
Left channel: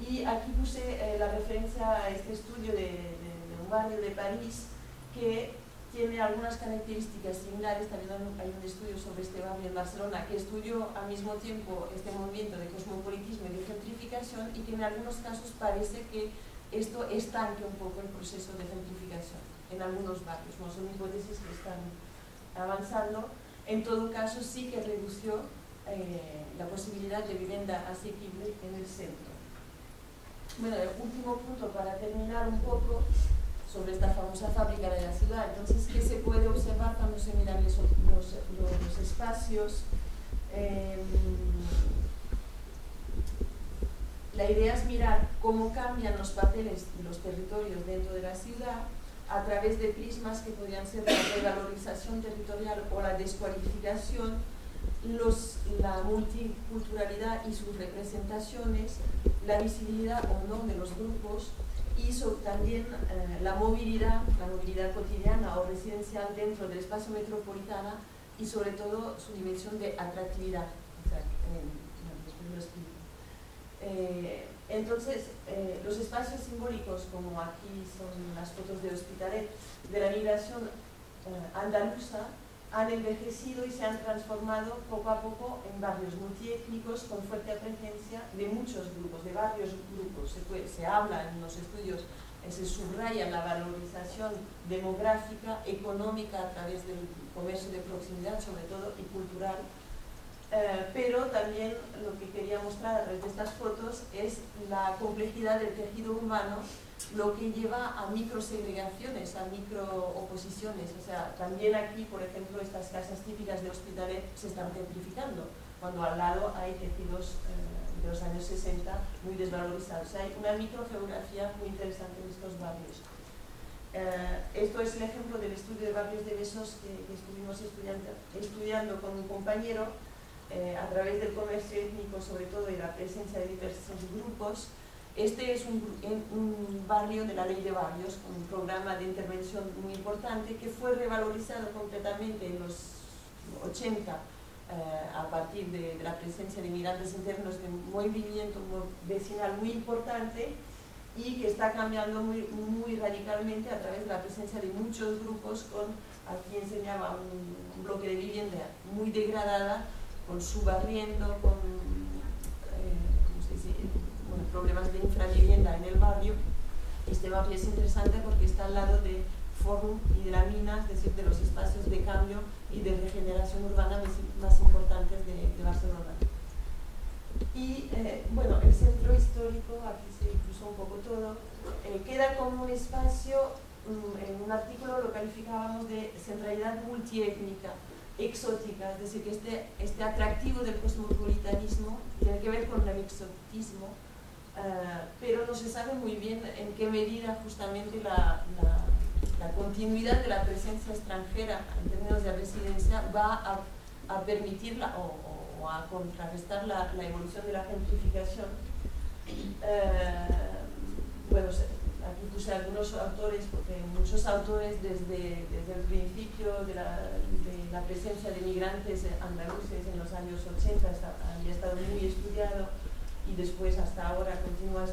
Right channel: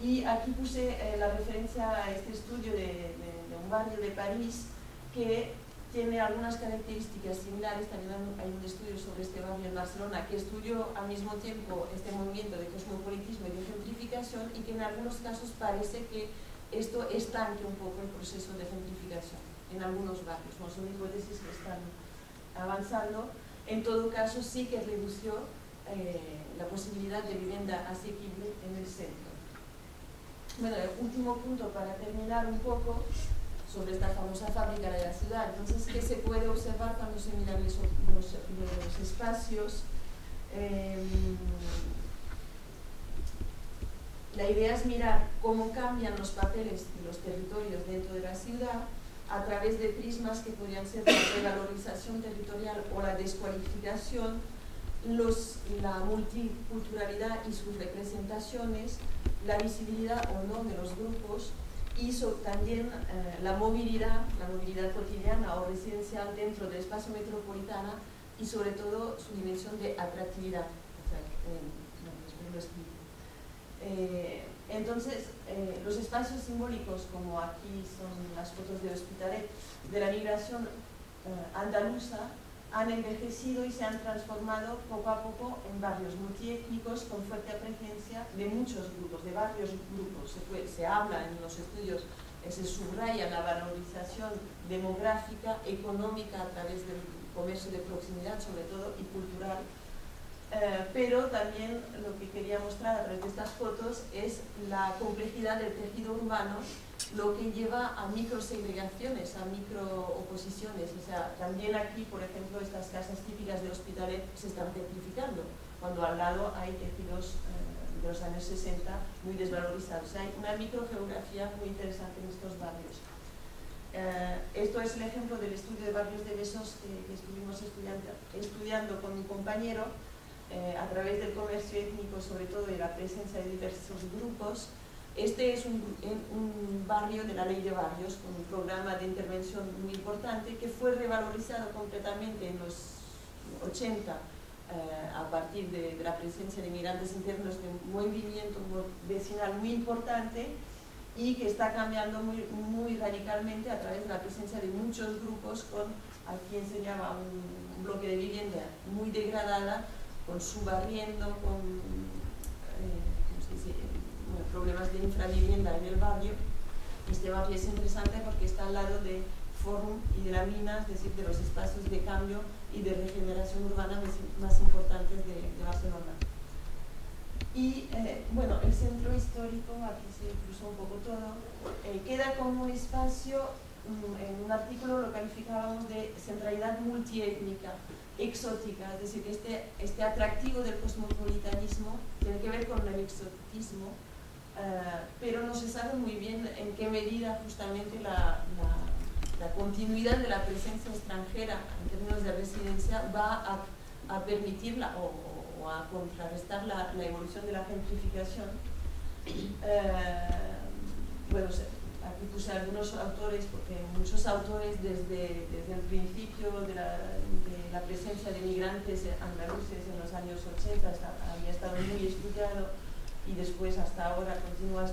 Y aquí puse la referencia a este estudio de un barrio de París que tiene algunas características similares. También hay un estudio sobre este barrio en Barcelona que estudió al mismo tiempo este movimiento de cosmopolitismo y de gentrificación, y que en algunos casos parece que esto estanque un poco el proceso de gentrificación en algunos barrios. No son hipótesis que están avanzando. En todo caso, sí que redució la posibilidad de vivienda asequible en el centro. Bueno, el último punto para terminar un poco sobre esta famosa fábrica de la ciudad. Entonces, ¿qué se puede observar cuando se miran los espacios? La idea es mirar cómo cambian los papeles de los territorios dentro de la ciudad a través de prismas que podrían ser la revalorización territorial o la descualificación, la multiculturalidad y sus representaciones, la visibilidad o no de los grupos, y también la movilidad cotidiana o residencial dentro del espacio metropolitano, y sobre todo su dimensión de atractividad. Entonces, los espacios simbólicos, como aquí son las fotos de Hospitalet, de la migración andaluza, han envejecido y se han transformado poco a poco en barrios multiétnicos con fuerte presencia de muchos grupos, de varios grupos. Se habla en los estudios, se subraya la valorización demográfica, económica a través del comercio de proximidad, sobre todo, y cultural. Pero también lo que quería mostrar a través de estas fotos es la complejidad del tejido urbano, lo que lleva a microsegregaciones, a microoposiciones. O sea, también aquí, por ejemplo, estas casas típicas de Hospitalet se están gentrificando, cuando al lado hay tejidos de los años 60 muy desvalorizados. O sea, hay una microgeografía muy interesante en estos barrios. Esto es el ejemplo del estudio de barrios de Besós que estuvimos estudiando con un compañero a través del comercio étnico, sobre todo, y la presencia de diversos grupos. Este es un barrio de la Ley de Barrios, con un programa de intervención muy importante que fue revalorizado completamente en los 80 a partir de la presencia de migrantes internos, de un movimiento vecinal muy importante, y que está cambiando muy radicalmente a través de la presencia de muchos grupos, con, aquí enseñaba un bloque de vivienda muy degradada, con subarriendo, con problemas de infravivienda en el barrio. Este barrio es interesante porque está al lado de Fórum y de la Mina, es decir, de los espacios de cambio y de regeneración urbana más importantes de Barcelona. Y bueno, el centro histórico, aquí se cruzó un poco todo, queda como espacio, en un artículo lo calificábamos de centralidad multiétnica, exótica, es decir, que este atractivo del cosmopolitanismo tiene que ver con el exotismo, pero no se sabe muy bien en qué medida justamente la continuidad de la presencia extranjera en términos de residencia va a permitirla o a contrarrestar la evolución de la gentrificación. Bueno, aquí puse algunos autores, porque muchos autores desde el principio de la presencia de migrantes andaluces en los años 80 había estado muy estudiado, y después hasta ahora continúa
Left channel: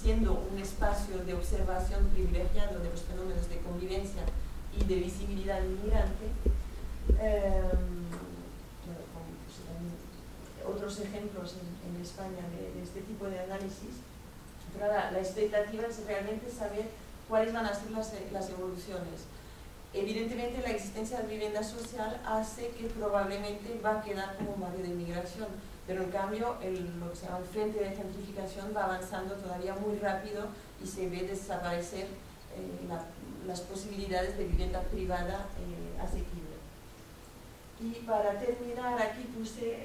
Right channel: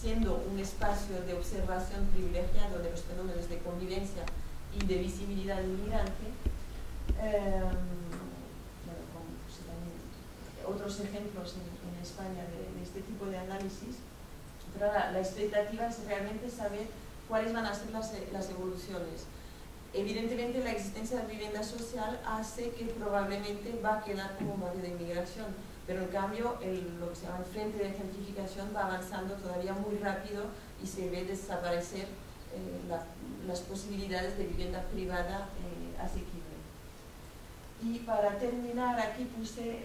siendo un espacio de observación privilegiado de los fenómenos de convivencia y de visibilidad inmigrante. Bueno, pues, también otros ejemplos en España de este tipo de análisis, pero la expectativa es realmente saber cuáles van a ser las evoluciones. Evidentemente la existencia de vivienda social hace que probablemente va a quedar como un barrio de inmigración, pero en cambio lo que se llama el frente de gentrificación va avanzando todavía muy rápido y se ve desaparecer las posibilidades de vivienda privada asequible. Y para terminar, aquí puse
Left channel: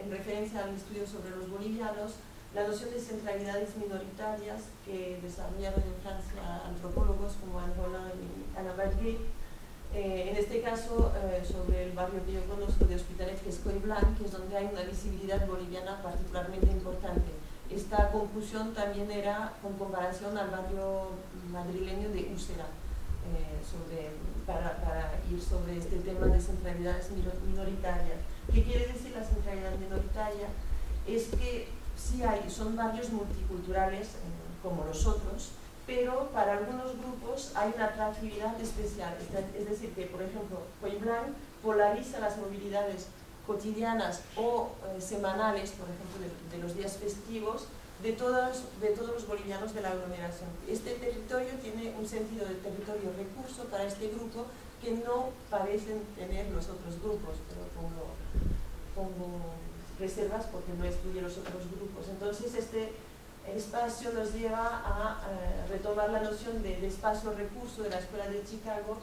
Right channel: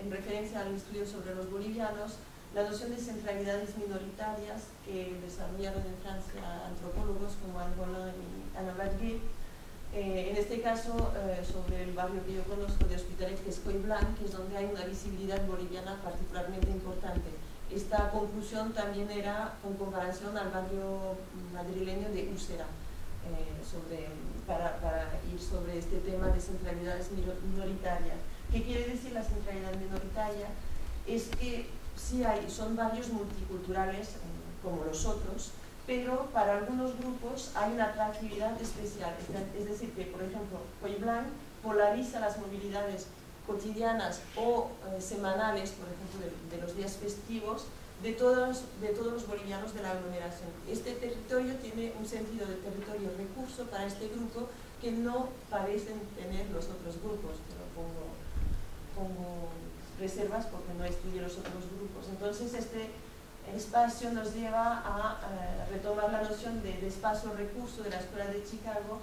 en referencia al estudio sobre los bolivianos la noción de centralidades minoritarias que desarrollaron en Francia antropólogos como Anne Roland y Anna Badguet. En este caso, sobre el barrio que yo conozco de Hospitalet, que es Coiblanc, que es donde hay una visibilidad boliviana particularmente importante. Esta conclusión también era con comparación al barrio madrileño de Úsera, para ir sobre este tema de centralidades minoritarias. ¿Qué quiere decir la centralidad minoritaria? Es que sí son barrios multiculturales como los otros, pero para algunos grupos hay una atractividad especial. Es decir, que por ejemplo, Coiblanc polariza las movilidades cotidianas o semanales, por ejemplo, de los días festivos, de todos los bolivianos de la aglomeración. Este territorio tiene un sentido de territorio recurso para este grupo que no parecen tener los otros grupos, pero pongo reservas porque no estudio los otros grupos. Entonces este espacio nos lleva a retomar la noción de espacio recurso de la Escuela de Chicago,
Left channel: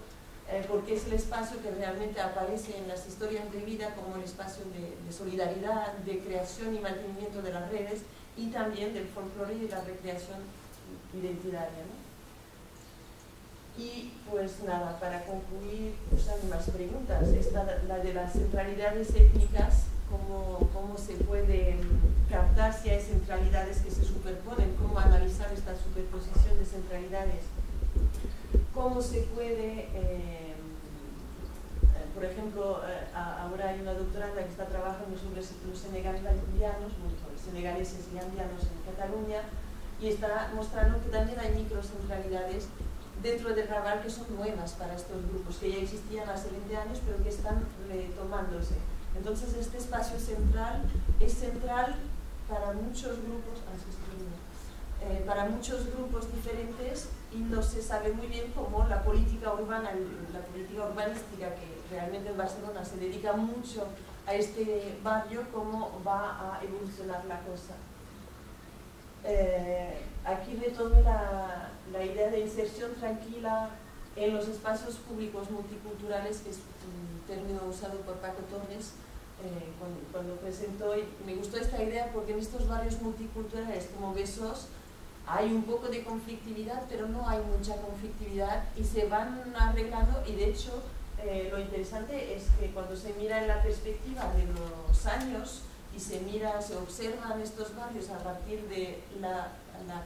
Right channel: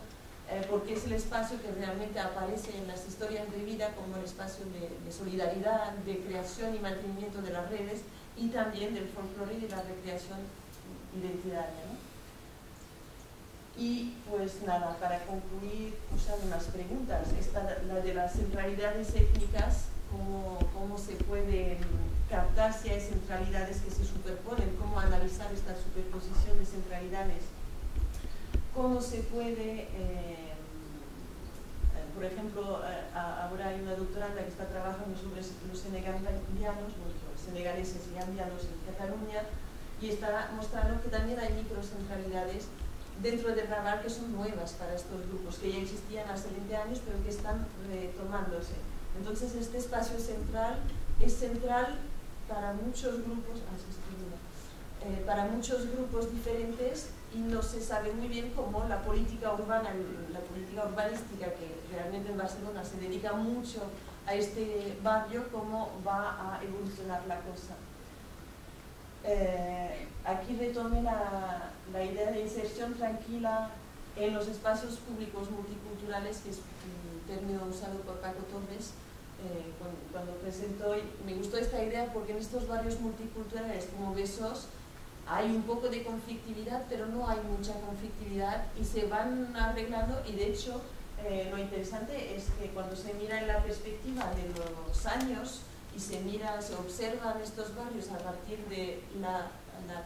porque es el espacio que realmente aparece en las historias de vida como el espacio de solidaridad, de creación y mantenimiento de las redes, y también del folclore y de la recreación identitaria, ¿no? Y pues nada, para concluir, pues hay más preguntas. La de las centralidades étnicas, cómo se puede captar si hay centralidades que se superponen, cómo analizar esta superposición de centralidades, cómo se puede, por ejemplo, ahora hay una doctoranda que está trabajando sobre los senegaleses y andianos en Cataluña, y está mostrando que también hay microcentralidades dentro del Raval que son nuevas para estos grupos, que ya existían hace 20 años, pero que están retomándose. Entonces este espacio central es central para muchos grupos, para muchos grupos diferentes, y no se sabe muy bien cómo la política urbanística, que realmente en Barcelona se dedica mucho a este barrio, cómo va a evolucionar la cosa. Aquí retomé la idea de inserción tranquila en los espacios públicos multiculturales, que es un término usado por Paco Torres cuando presentó, y me gustó esta idea porque en estos barrios multiculturales como Besos hay un poco de conflictividad, pero no hay mucha conflictividad y se van arreglando, y de hecho lo interesante es que cuando se mira en la perspectiva de los años y se observan estos barrios a partir de la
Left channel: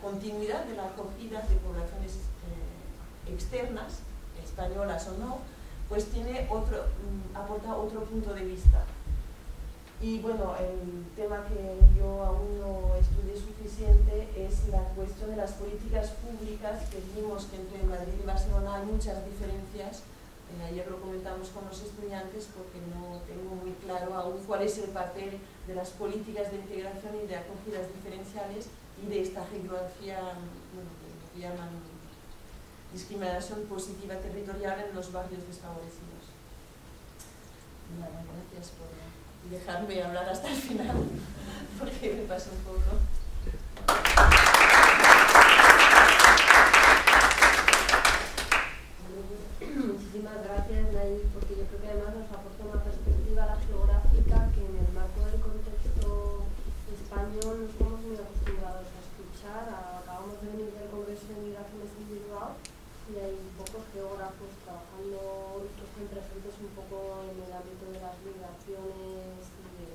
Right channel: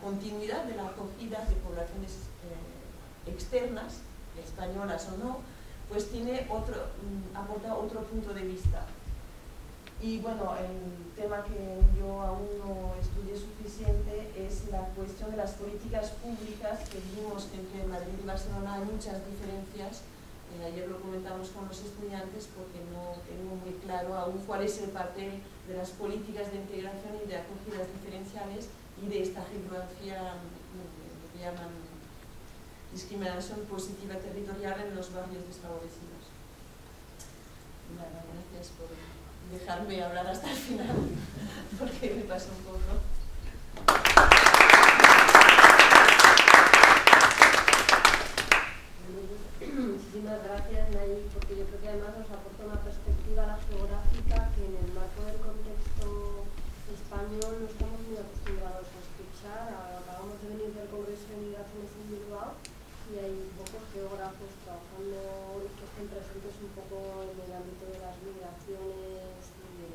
continuidad de la acogida de poblaciones externas, españolas o no, pues aporta otro punto de vista. Y bueno, el tema que yo aún no estudié suficiente es la cuestión de las políticas públicas, que vimos que entre Madrid y Barcelona hay muchas diferencias. Ayer lo comentamos con los estudiantes porque no tengo muy claro aún cuál es el papel de las políticas de integración y de acogidas diferenciales y de esta geografía, lo que llaman discriminación positiva territorial en los barrios desfavorecidos. Nada, gracias por dejarme hablar hasta el final, porque me pasa un poco. Muchísimas gracias, Nay, porque yo creo que además nos aporta una perspectiva a la geográfica que en el marco del contexto español no estamos muy acostumbrados a escuchar. Acabamos de venir del Congreso de Migraciones en Bilbao y hay pocos geógrafos trabajando que estén presentes un poco en el ámbito de las migraciones y de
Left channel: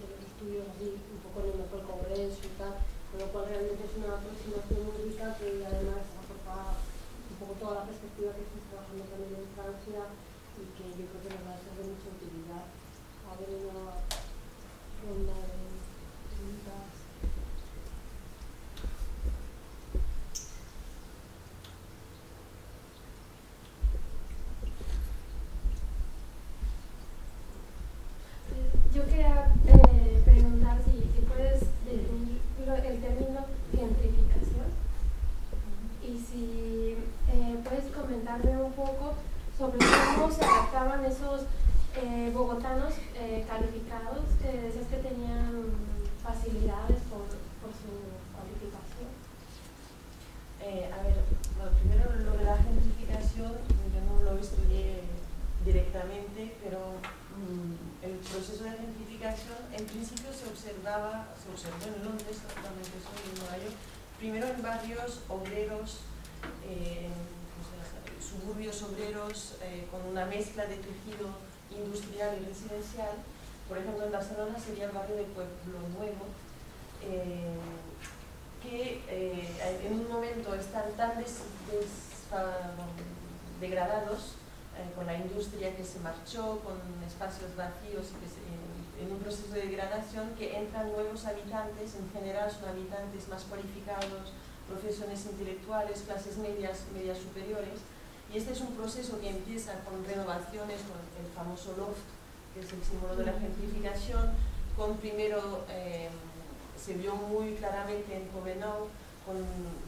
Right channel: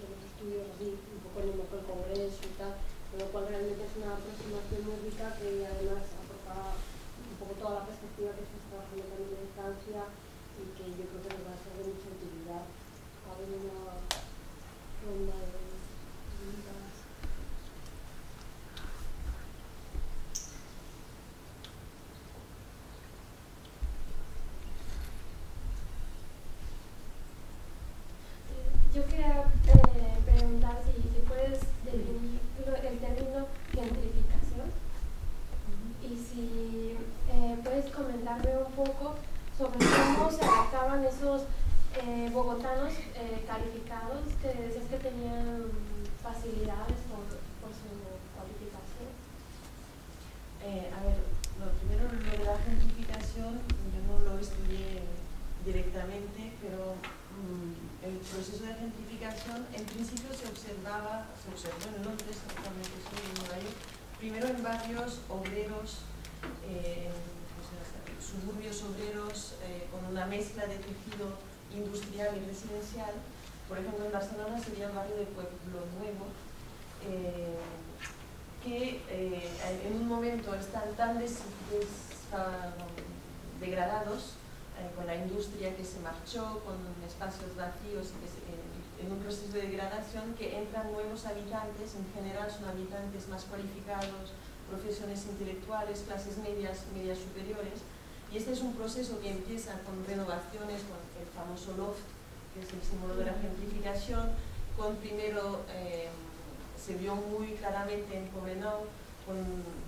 los estudios así, un poco en el marco del Congreso y tal, con lo cual realmente es una aproximación muy rica que además aporta un poco toda la perspectiva que estás trabajando también en Francia y que yo creo que nos va a ser de mucha utilidad. A ver, una ronda de preguntas. estaban esos bogotanos calificados que decías que tenían facilidades por su cualificación? A ver, bueno, primero lo de la gentrificación, yo no lo estudié directamente, pero el proceso de gentrificación en principio se observó en Londres, actualmente soy en Nueva York, primero en barrios obreros, suburbios obreros, con una mezcla de tejido industrial y residencial. Por ejemplo, en Barcelona sería el barrio de Pueblo Nuevo, que en un momento están tan degradados con la industria que se marchó, con espacios vacíos y que en un proceso de degradación, que entran nuevos habitantes. En general son habitantes más cualificados, profesiones intelectuales, clases medias superiores, y este es un proceso que empieza con renovaciones, con el famoso loft, que es el símbolo de la gentrificación. Con primero se vio muy claramente en Poblenou, con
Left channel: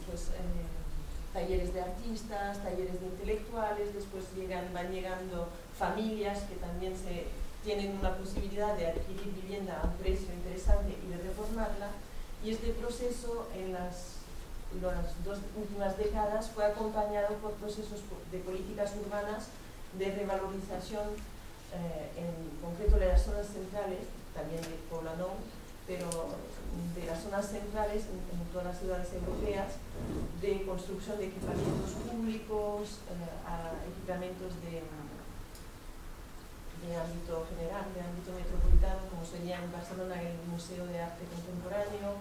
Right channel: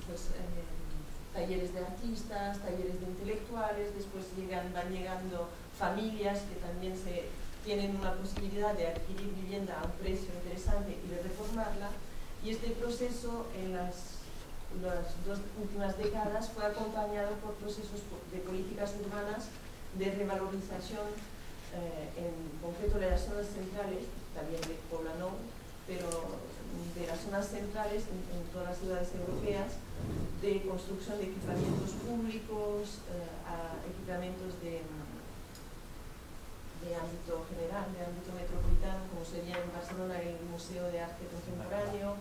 pues, talleres de artistas, talleres de intelectuales. Después van llegando familias que también tienen una posibilidad de adquirir vivienda a un precio interesante y de reformarla, y este proceso en las 2 últimas décadas fue acompañado por procesos de políticas urbanas de revalorización, en concreto de las zonas centrales, también de Poblenou, pero de las zonas centrales en todas las ciudades europeas, de construcción de equipamientos públicos, a equipamientos de ámbito general, de ámbito metropolitano, como sería en Barcelona el Museo de Arte Contemporáneo,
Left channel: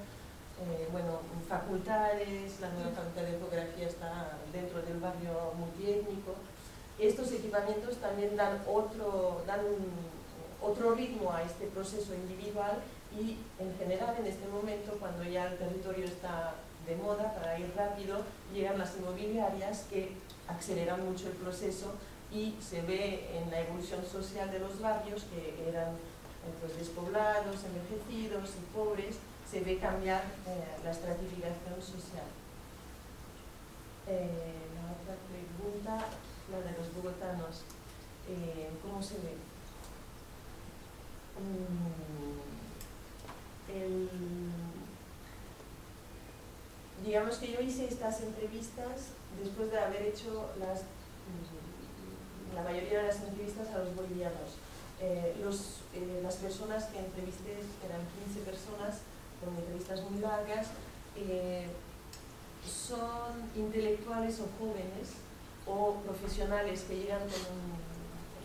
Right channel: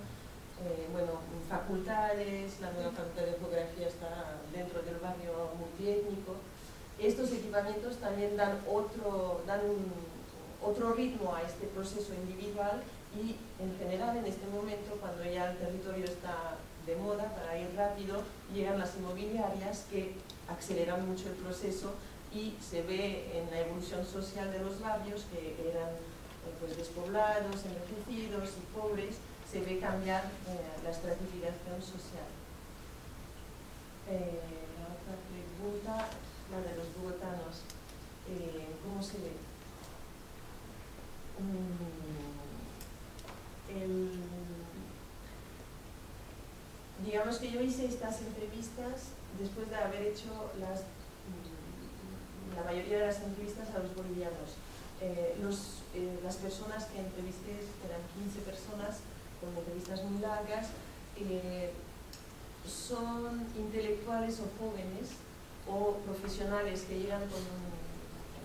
bueno, facultades. La nueva facultad de geografía está dentro del barrio multiétnico. Estos equipamientos también dan otro ritmo a este proceso individual, y en general en este momento, cuando ya el territorio está de moda para ir rápido, llegan las inmobiliarias que aceleran mucho el proceso, y se ve en la evolución social de los barrios, que eran pues, despoblados, envejecidos y pobres, se ve cambiar la estratificación social. La otra pregunta, la de los bogotanos, ¿cómo se ve? Digamos que yo hice estas entrevistas después de haber hecho la mayoría de las entrevistas a los bolivianos. Las personas que entrevisté eran 15 personas, con entrevistas muy largas, son intelectuales o jóvenes o profesionales que llegan con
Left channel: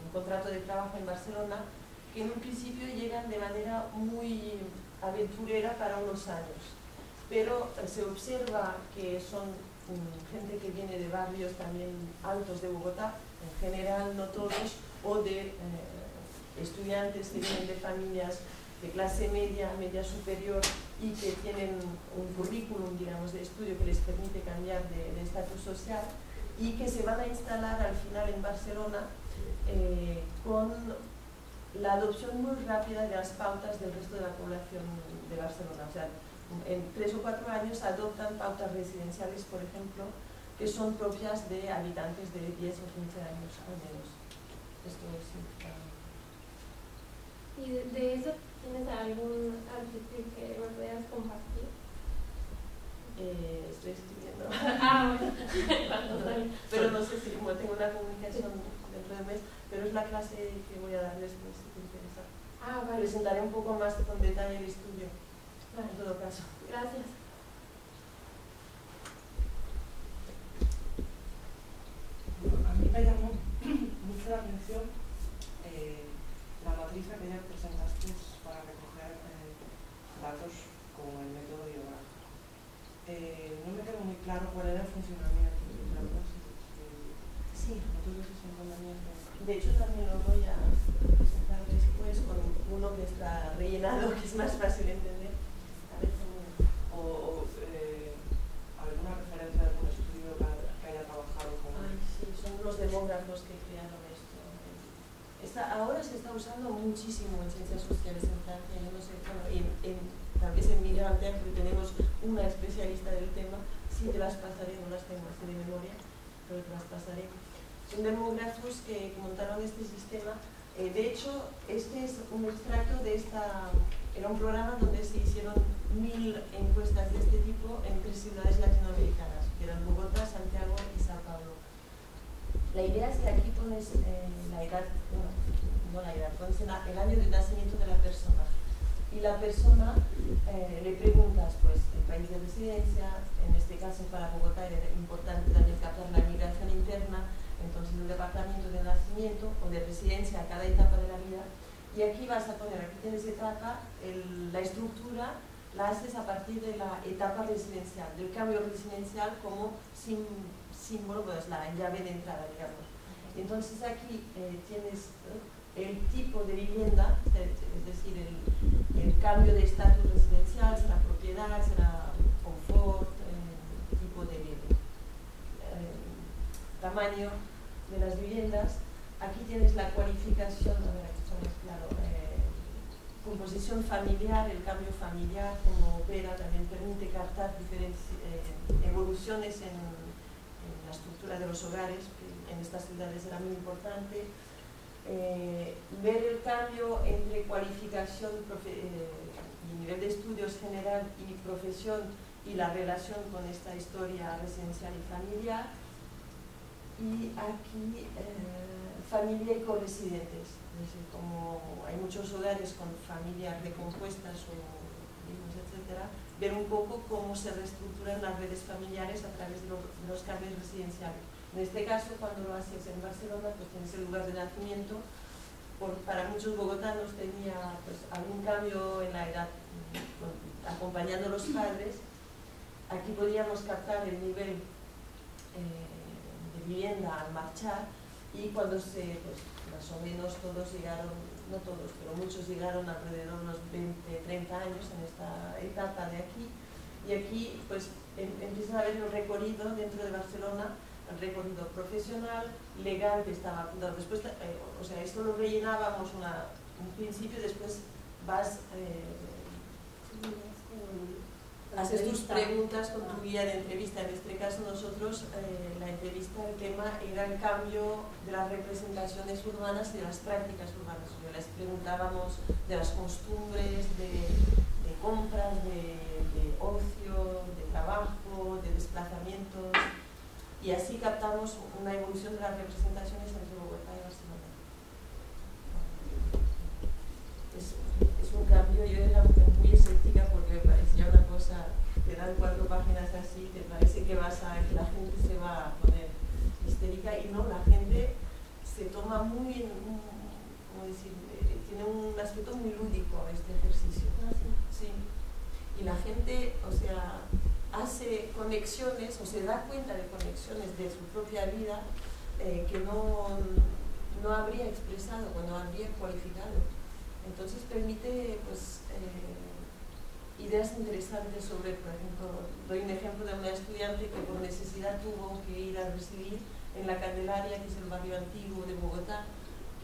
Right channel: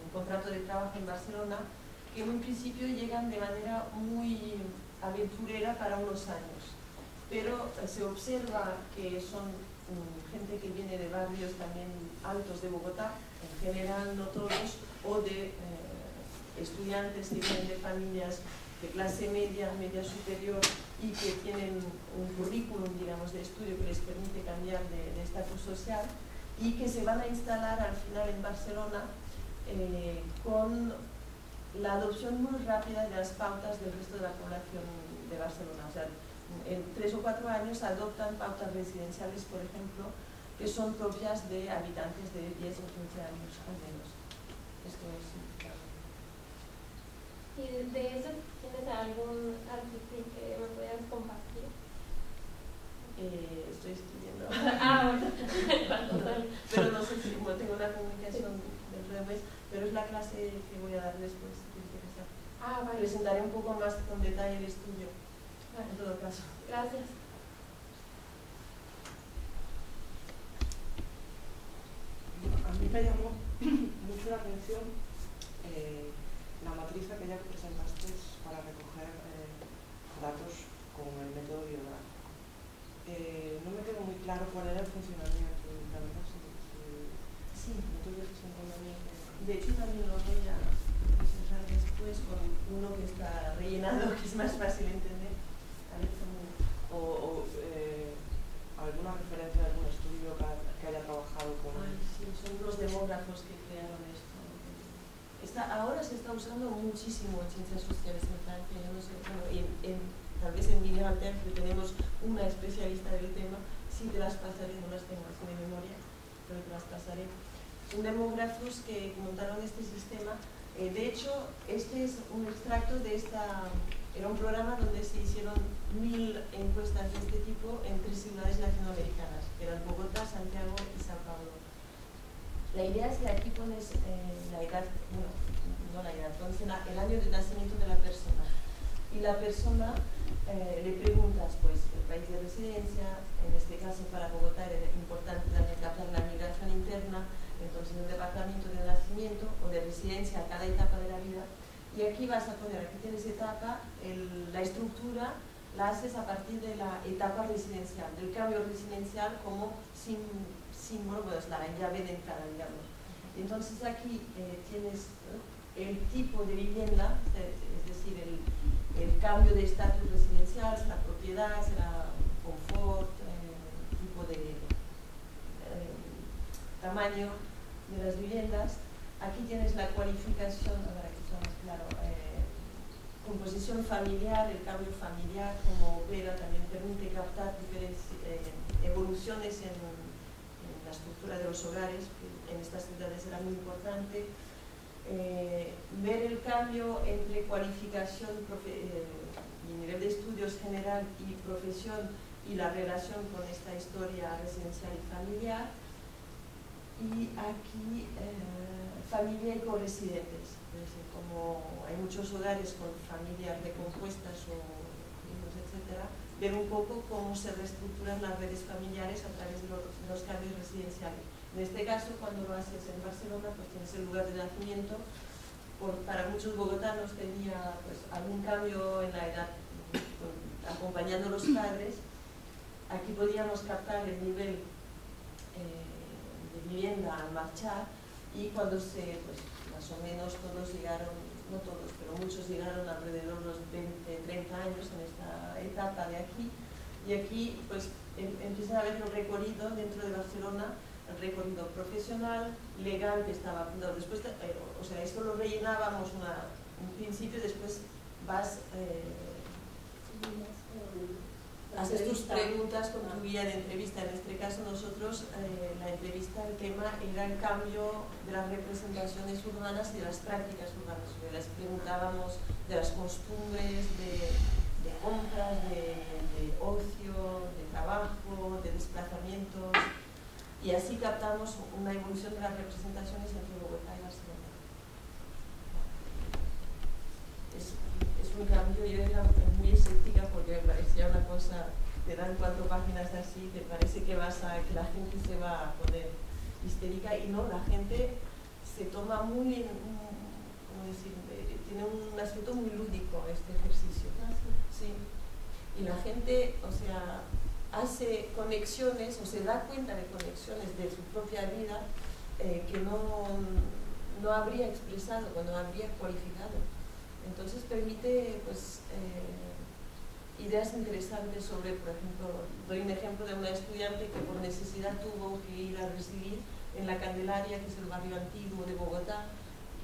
un contrato de trabajo en Barcelona, que en un principio llegan de manera muy aventurera para unos años, pero se observa que son gente que viene de barrios también altos de Bogotá, en general no todos, o de estudiantes que vienen de familias de clase media, media superior, y que tienen un currículum, digamos, de estudio que les permite cambiar de estatus social, y que se van a instalar al final en Barcelona con la adopción muy rápida de las pautas del resto de la población de Barcelona. O sea, en 3 o 4 años adoptan pautas residenciales, por ejemplo, que son propias de habitantes de 10 o 15 años al menos. Esto es significativo. ¿Y de eso tienes algún artículo que me puedas compartir? Estoy escribiendo. Bueno. Pero no sé si tengo una comunicación dentro de un mes, pero es la clase que voy a dar después, si te interesa. Vale. Presentaré un poco más con detalle el estudio, en todo caso. Gracias. A mí me llamó mucho la atención la matriz aquella que presentaste para recoger datos con el método biográfico. No me quedó muy claro cuál era el funcionamiento, la verdad, Sí, no tuve ese inconveniente. de hecho también lo voy a presentar después con uno que está rellenado, que es más fácil entender. A ver cómo... alguna referencia de algún estudio que haya trabajado con... Ay, sí, son unos demógrafos que crearon esto. Ahora se está usando muchísimo en ciencias sociales en Francia. Yo no sé, bueno, tal vez en Miguel Ángel tenemos una especialista del tema. Sí, te las pasaré, no las tengo así de memoria, pero te las pasaré. son demógrafos que montaron este sistema. De hecho, este es un extracto de esta... Era un programa donde se hicieron 1000 encuestas de este tipo en 3 ciudades latinoamericanas, que eran Bogotá, Santiago y Sao Paulo. La idea es que aquí pones la edad, no la edad, pones el año de nacimiento de la persona. Y la persona le preguntas pues el país de residencia. En este caso para Bogotá era importante también captar la migración interna, entonces el departamento de nacimiento o de residencia a cada etapa de la vida. Y aquí vas a poner, aquí tienes etapa, la estructura la haces a partir de la etapa residencial, del cambio residencial como símbolo, pues la llave de entrada, digamos. Entonces aquí tienes el tipo de vivienda, es decir, el cambio de estatus residencial, será propiedad, será confort, tipo de tamaño de las viviendas. Aquí tienes la cualificación, a ver, aquí está más claro, composición familiar, el cambio familiar, como opera, también permite captar diferentes evoluciones en la estructura de los hogares, que en estas ciudades era muy importante. Ver el cambio entre cualificación y nivel de estudios general y profesión y la relación con esta historia residencial y familiar. Y aquí familia y corresidentes, es decir, como hay muchos hogares con familias recompuestas o hijos, etc., ver un poco cómo se reestructuran las redes familiares a través de los cambios residenciales. En este caso, cuando lo haces en Barcelona, pues tienes el lugar de nacimiento. Para muchos bogotanos tenía pues, algún cambio en la edad, acompañando a los padres. Aquí podíamos captar el nivel de vivienda a marchar, y cuando pues, más o menos todos llegaron, no todos, pero muchos llegaron alrededor de los 20-30 años en esta etapa de aquí, y aquí pues empieza a haber un recorrido dentro de Barcelona, el recorrido profesional, legal, que estaba apuntado. Después, o sea, esto lo rellenábamos un principio, después vas, haces tus preguntas con tu guía de entrevista. En este caso nosotros, la entrevista, el tema era el cambio de las representaciones urbanas y de las prácticas urbanas. Les preguntábamos de las costumbres, de compras, de ocio, de trabajo, de desplazamientos. Y así captamos una evolución de las representaciones entre Bogotá y Barcelona. Es un cambio. Yo era muy escéptica porque me parecía una cosa, te dan 4 páginas así, te parece que la gente se va a poner histérica, y no, la gente se toma muy, ¿cómo decir? Tiene un aspecto muy lúdico este ejercicio. Sí. Y la gente, o sea, hace conexiones o se da cuenta de conexiones de su propia vida que no habría expresado, no habría cualificado. Entonces permite pues, ideas interesantes sobre, por ejemplo, doy un ejemplo de una estudiante que por necesidad tuvo que ir a residir en La Candelaria, que es el barrio antiguo de Bogotá,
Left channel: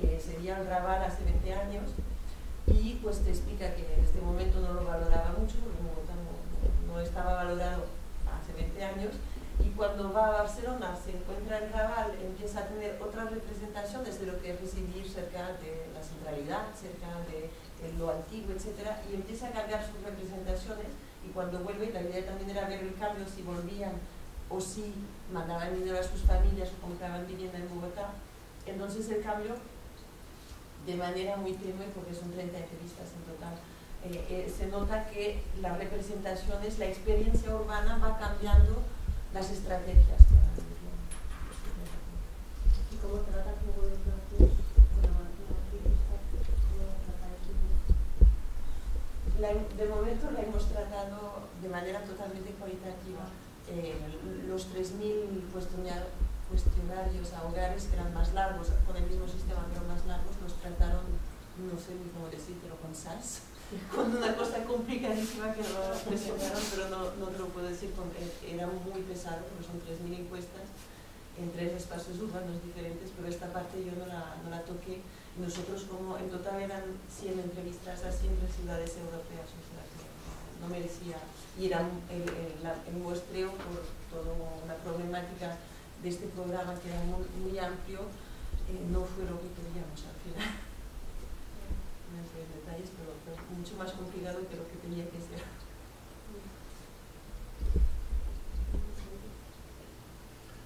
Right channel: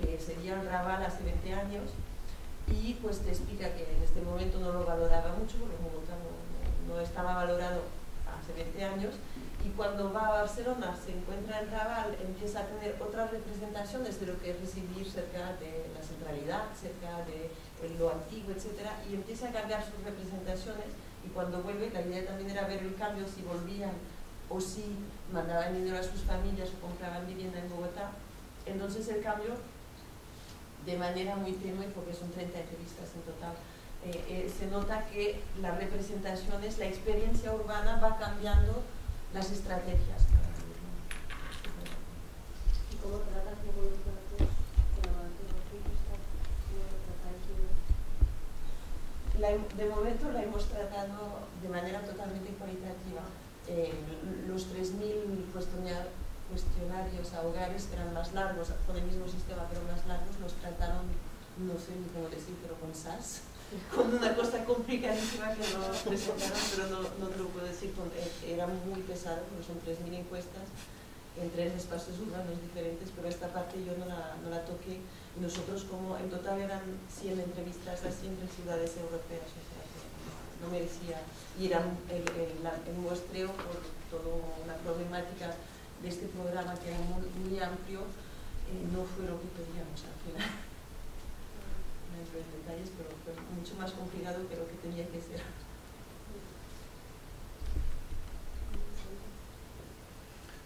que sería el Raval hace 20 años, y pues te explica que en este momento no lo valoraba mucho, porque Bogotá no estaba valorado hace 20 años, y cuando va a Barcelona se encuentra el Raval, empieza a tener otras representaciones de lo que es residir cerca de la centralidad, cerca de lo antiguo, etc., y empieza a cambiar sus representaciones, y cuando vuelve, la idea también era ver el cambio, si volvían o si mandaban dinero a sus familias o compraban vivienda en Bogotá. Entonces el cambio, de manera muy tenue, porque son 30 entrevistas en total, se nota que las representaciones, la experiencia urbana va cambiando las estrategias. ¿Y cómo tratas luego los datos con la matriz? ¿Cómo tratáis? De momento la hemos tratado de manera totalmente cualitativa. Los 3.000 cuestionarios a hogares, que eran más largos, con el mismo sistema pero más largos, los trataron, no sé ni cómo decir, pero con SAS, con una cosa complicadísima que nos presentaron, pero no te lo puedo decir, era muy pesado porque son 3.000 encuestas en 3 espacios urbanos diferentes, pero esta parte yo no la toqué. Y nosotros, como en total eran 100 entrevistas a 100 ciudades europeas, o sea, no merecía, y era el muestreo por toda una problemática de este programa, que era muy amplio, no fue lo que queríamos al final. No entro en detalles, pero mucho más complicado que lo que tenía que ser.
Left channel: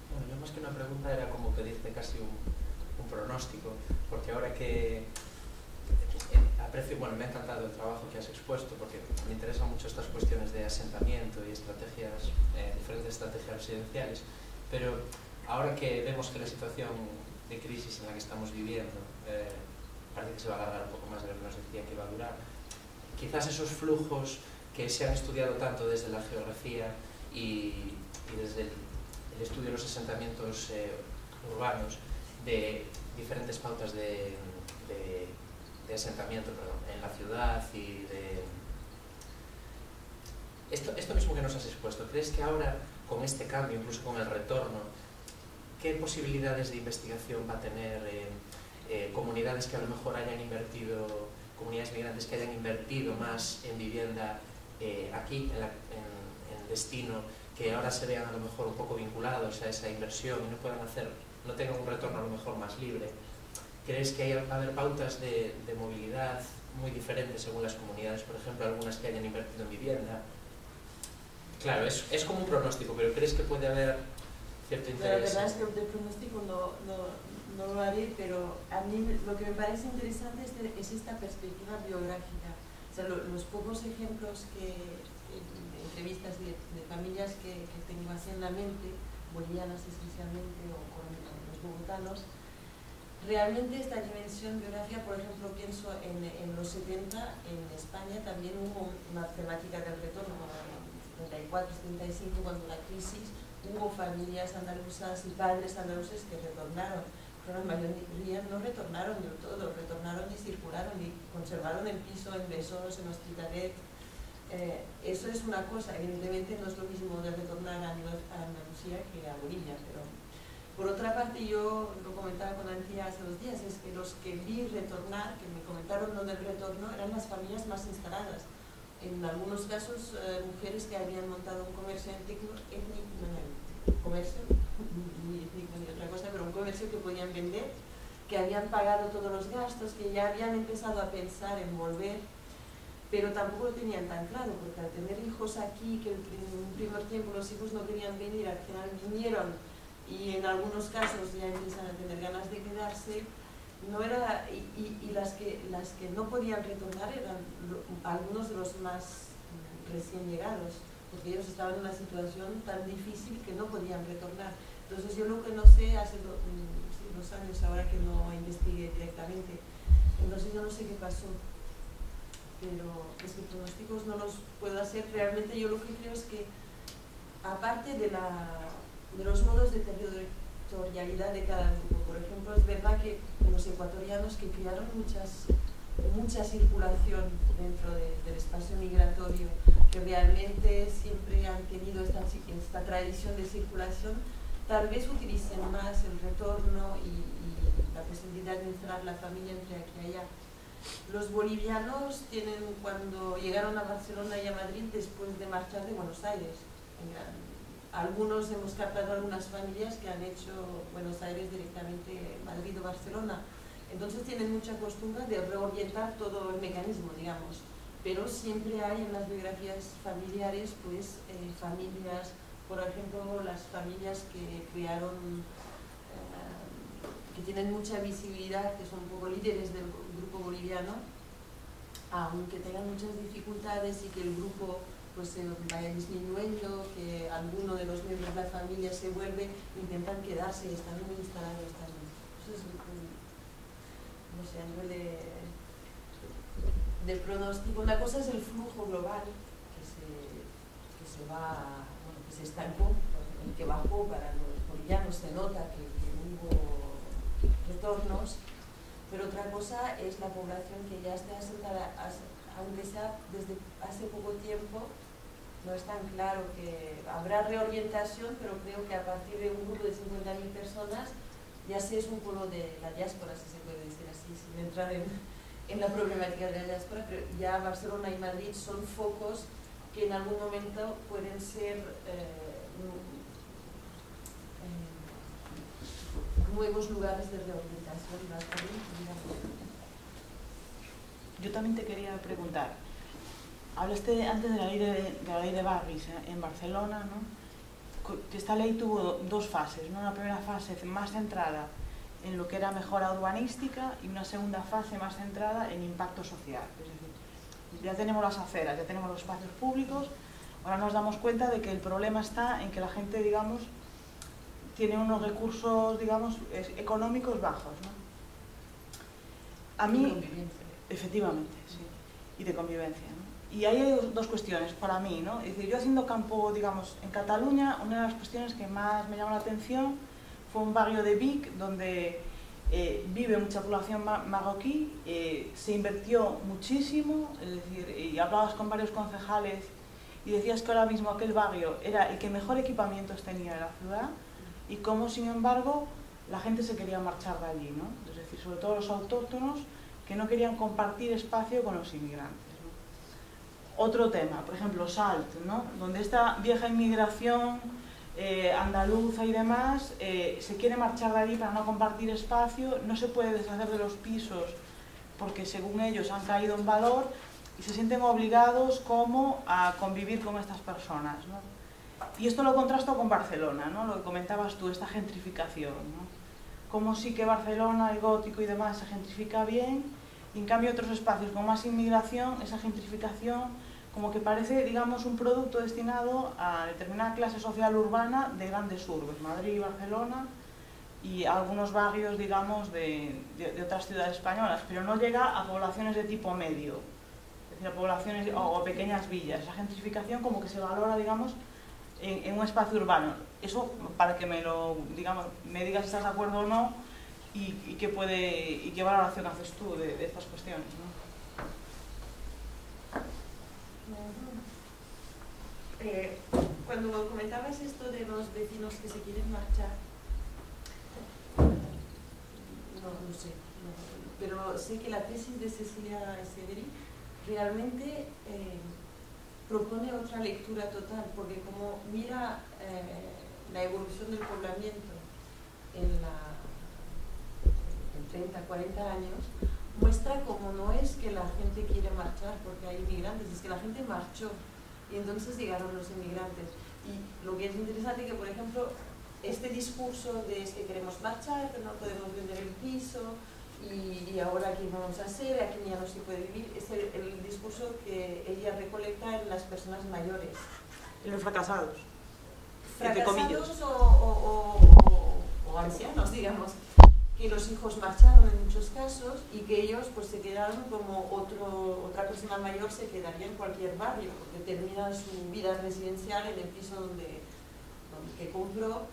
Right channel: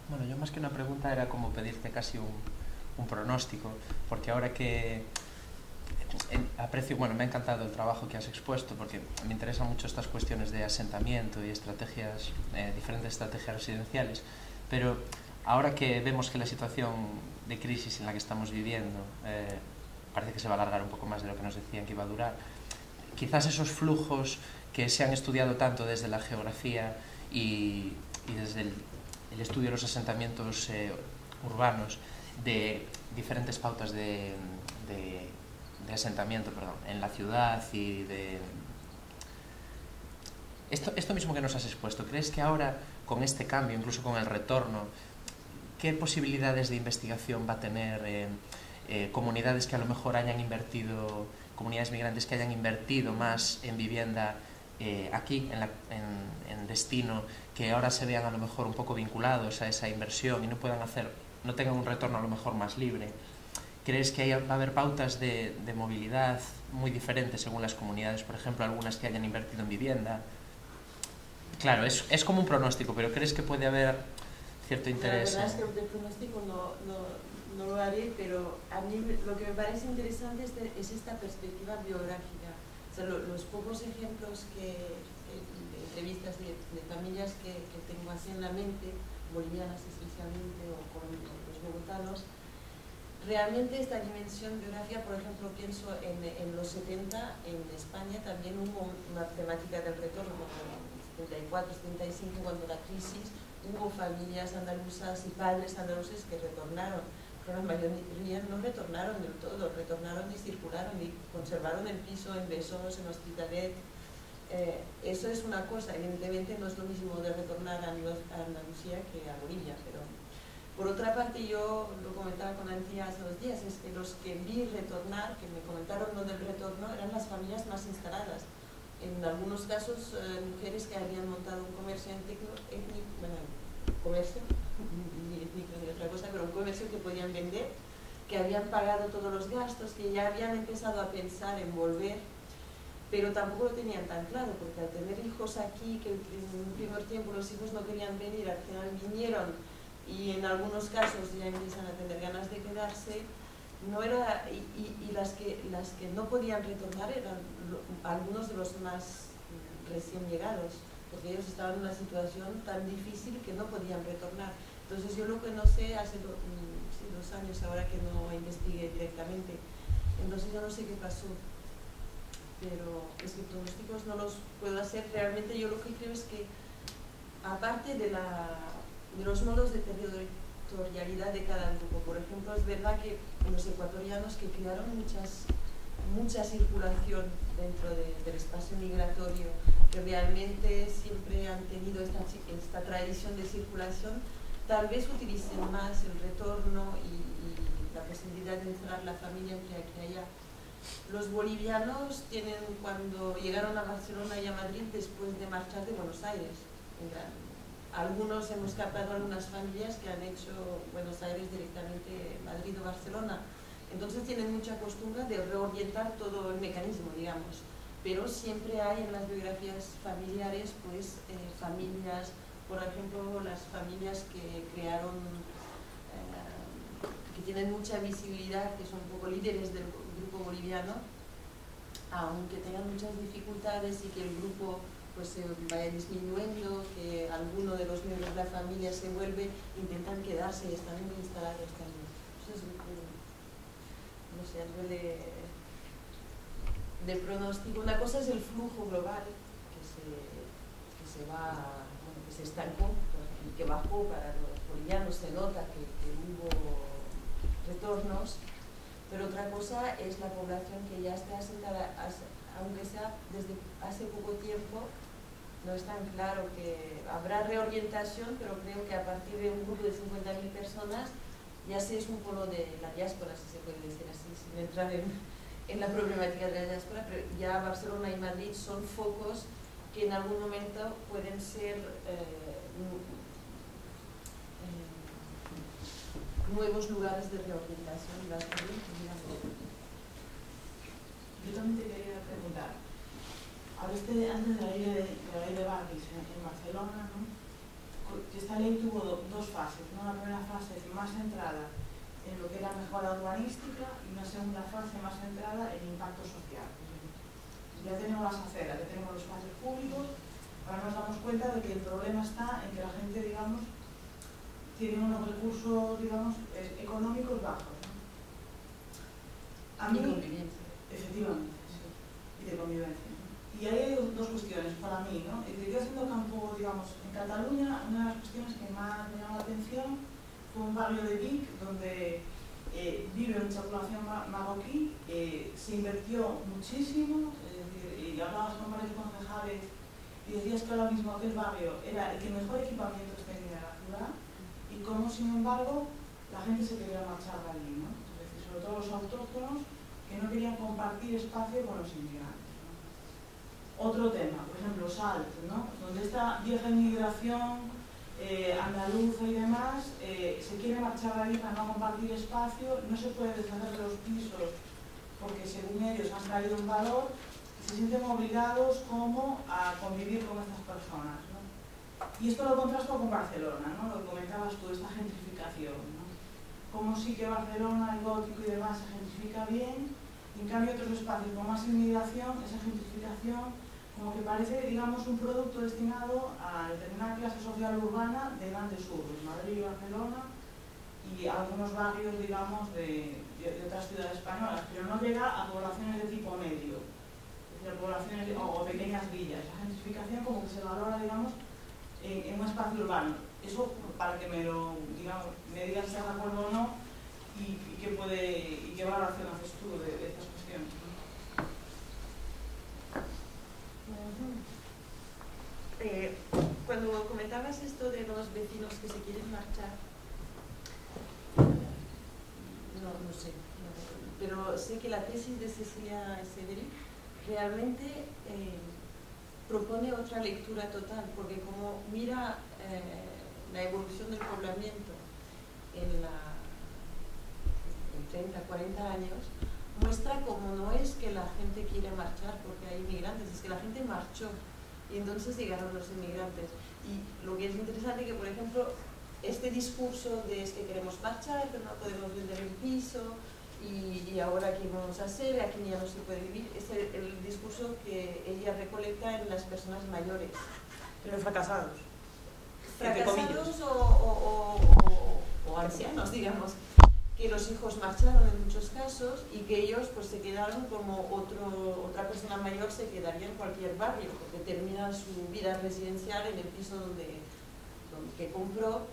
Bueno, yo más que una pregunta era como pedirte casi un pronóstico, porque ahora que aprecio, bueno, me ha encantado el trabajo que has expuesto, porque me interesan mucho estas cuestiones de asentamiento y estrategias, diferentes estrategias residenciales, pero ahora que vemos que la situación de crisis en la que estamos viviendo parece que se va a alargar un poco más de lo que nos decían que iba a durar, quizás esos flujos que se han estudiado tanto desde la geografía y desde el estudio de los asentamientos urbanos, de diferentes pautas de asentamiento, perdón, en la ciudad y de... Esto mismo que nos has expuesto, ¿crees que ahora con este cambio, incluso con el retorno, qué posibilidades de investigación va a tener comunidades que a lo mejor hayan invertido, comunidades migrantes que hayan invertido más en vivienda aquí, en destino, que ahora se vean a lo mejor un poco vinculados a esa inversión y no tengan un retorno a lo mejor más libre? ¿Crees que va a haber pautas de movilidad muy diferentes según las comunidades? Por ejemplo, algunas que hayan invertido en vivienda. Claro, es como un pronóstico, pero ¿crees que puede haber cierto interés? La verdad es que de pronóstico no lo haré, pero a mí lo que me parece interesante es esta perspectiva biográfica. O sea, los pocos ejemplos de entrevistas de familias que tengo así en la mente, bolivianas esencialmente o con los bogotanos, realmente esta dimensión biográfica, por ejemplo, pienso en los 70 en España también hubo una temática del retorno, en 74, 75, cuando la crisis, hubo familias andaluzas y padres andaluces que retornaron, pero la mayoría no retornaron del todo, retornaron y circularon y conservaron el piso en Besós, en Hospitalet. Eso es una cosa, evidentemente no es lo mismo de retornar a Andalucía que a Bolivia, pero por otra parte yo lo comentaba con Antía hace 2 días, es que los que vi retornar, que me comentaron lo del retorno, eran las familias más instaladas. En algunos casos, mujeres que habían montado un comercio comercio, ni étnico ni otra cosa, pero un comercio que podían vender, que habían pagado todos los gastos, que ya habían empezado a pensar en volver, pero tampoco lo tenían tan claro, porque al tener hijos aquí, que en un primer tiempo los hijos no querían venir, al final vinieron, y en algunos casos ya empiezan a tener ganas de quedarse, no era, y las que no podían retornar eran algunos de los más recién llegados, porque ellos estaban en una situación tan difícil que no podían retornar. Entonces yo lo que no sé, hace 2 años ahora que no investigué directamente, entonces yo no sé qué pasó, pero es que pronósticos no los puedo hacer. Realmente yo lo que creo es que, aparte de los modos de territorialidad de cada grupo, por ejemplo, es verdad que los ecuatorianos que crearon mucha circulación dentro del espacio migratorio, que realmente siempre han tenido esta tradición de circulación, tal vez utilicen más el retorno y la posibilidad de instalar la familia entre aquí y allá. Los bolivianos tienen, cuando llegaron a Barcelona y a Madrid después de marchar de Buenos Aires, algunos hemos captado algunas familias que han hecho Buenos Aires directamente Madrid o Barcelona, entonces tienen mucha costumbre de reorientar todo el mecanismo, digamos, pero siempre hay en las biografías familiares pues familias, por ejemplo las familias que crearon, que tienen mucha visibilidad, que son un poco líderes del grupo boliviano, aunque tengan muchas dificultades y que el grupo pues se vaya disminuyendo, que alguno de los miembros de la familia se vuelve, intentan quedarse y están muy instalados también. Entonces, no sé, a nivel de pronóstico, una cosa es el flujo global que se estancó y que bajó para los bolivianos, se nota que hubo retornos, pero otra cosa es la población que ya está asentada, aunque sea desde hace poco tiempo. No es tan claro que habrá reorientación, pero creo que a partir de un grupo de 50.000 personas ya se es un polo de la diáspora, si se puede decir así, sin entrar en la problemática de la diáspora, pero ya Barcelona y Madrid son focos que en algún momento pueden ser nuevos lugares de rehabilitación. Yo también te quería preguntar, hablaste antes de la ley de barrios en Barcelona, ¿no? Que esta ley tuvo dos fases, ¿no? Una primera fase más centrada en lo que era mejora urbanística y una segunda fase más centrada en impacto social. Es decir, ya tenemos las aceras, ya tenemos los espacios públicos, ahora nos damos cuenta de que el problema está en que la gente, digamos, tiene unos recursos, digamos, económicos bajos, ¿no? A mí, convivencia. Efectivamente, sí, y de convivencia, ¿no? Y hay dos cuestiones para mí, ¿no? Es decir, yo haciendo campo, digamos, en Cataluña, una de las cuestiones que más me llamó la atención fue un barrio de Vic donde vive mucha población marroquí, se invirtió muchísimo, es decir, y hablabas con varios concejales y decías que ahora mismo aquel barrio era el que mejor equipamientos tenía de la ciudad y cómo, sin embargo, la gente se quería marchar de allí, ¿no? Es decir, sobre todo los autóctonos que no querían compartir espacio con los inmigrantes, ¿no? Otro tema, por ejemplo, Salt, ¿no? Donde esta vieja inmigración andaluza y demás se quiere marchar de allí para no compartir espacio, no se puede deshacer de los pisos porque según ellos han caído en valor y se sienten obligados como a convivir con estas personas, ¿no? Y esto lo contrasto con Barcelona, ¿no? Lo que comentabas tú, esta gentrificación, ¿no? Como sí que Barcelona, el gótico y demás se gentrifica bien, y en cambio otros espacios con más inmigración, esa gentrificación como que parece, digamos, un producto destinado a determinada clase social urbana de grandes urbes, Madrid y Barcelona, y algunos barrios, digamos, de otras ciudades españolas, pero no llega a poblaciones de tipo medio, es decir, a poblaciones o pequeñas villas. La gentrificación como que se valora, digamos, en un espacio urbano. Eso para que me digas si estás de acuerdo o no y qué valoración haces tú de estas cuestiones, ¿no? Cuando comentabas esto de los vecinos que se quieren marchar, no sé, pero sé que la tesis de Cecilia Severi realmente propone otra lectura total, porque como mira la evolución del poblamiento en 30, 40 años, muestra como no es que la gente quiere marchar porque hay inmigrantes, es que la gente marchó y entonces llegaron los inmigrantes. Y lo que es interesante es que, por ejemplo, este discurso de es que queremos marchar, pero no podemos vender el piso y ahora qué vamos a hacer, aquí ya no se puede vivir, es el discurso que ella recolecta en las personas mayores. En los fracasados. Fracasados o ancianos, digamos, que los hijos marcharon en muchos casos y que ellos pues se quedaron como otra persona mayor se quedaría en cualquier barrio porque termina su vida residencial en el piso que compró.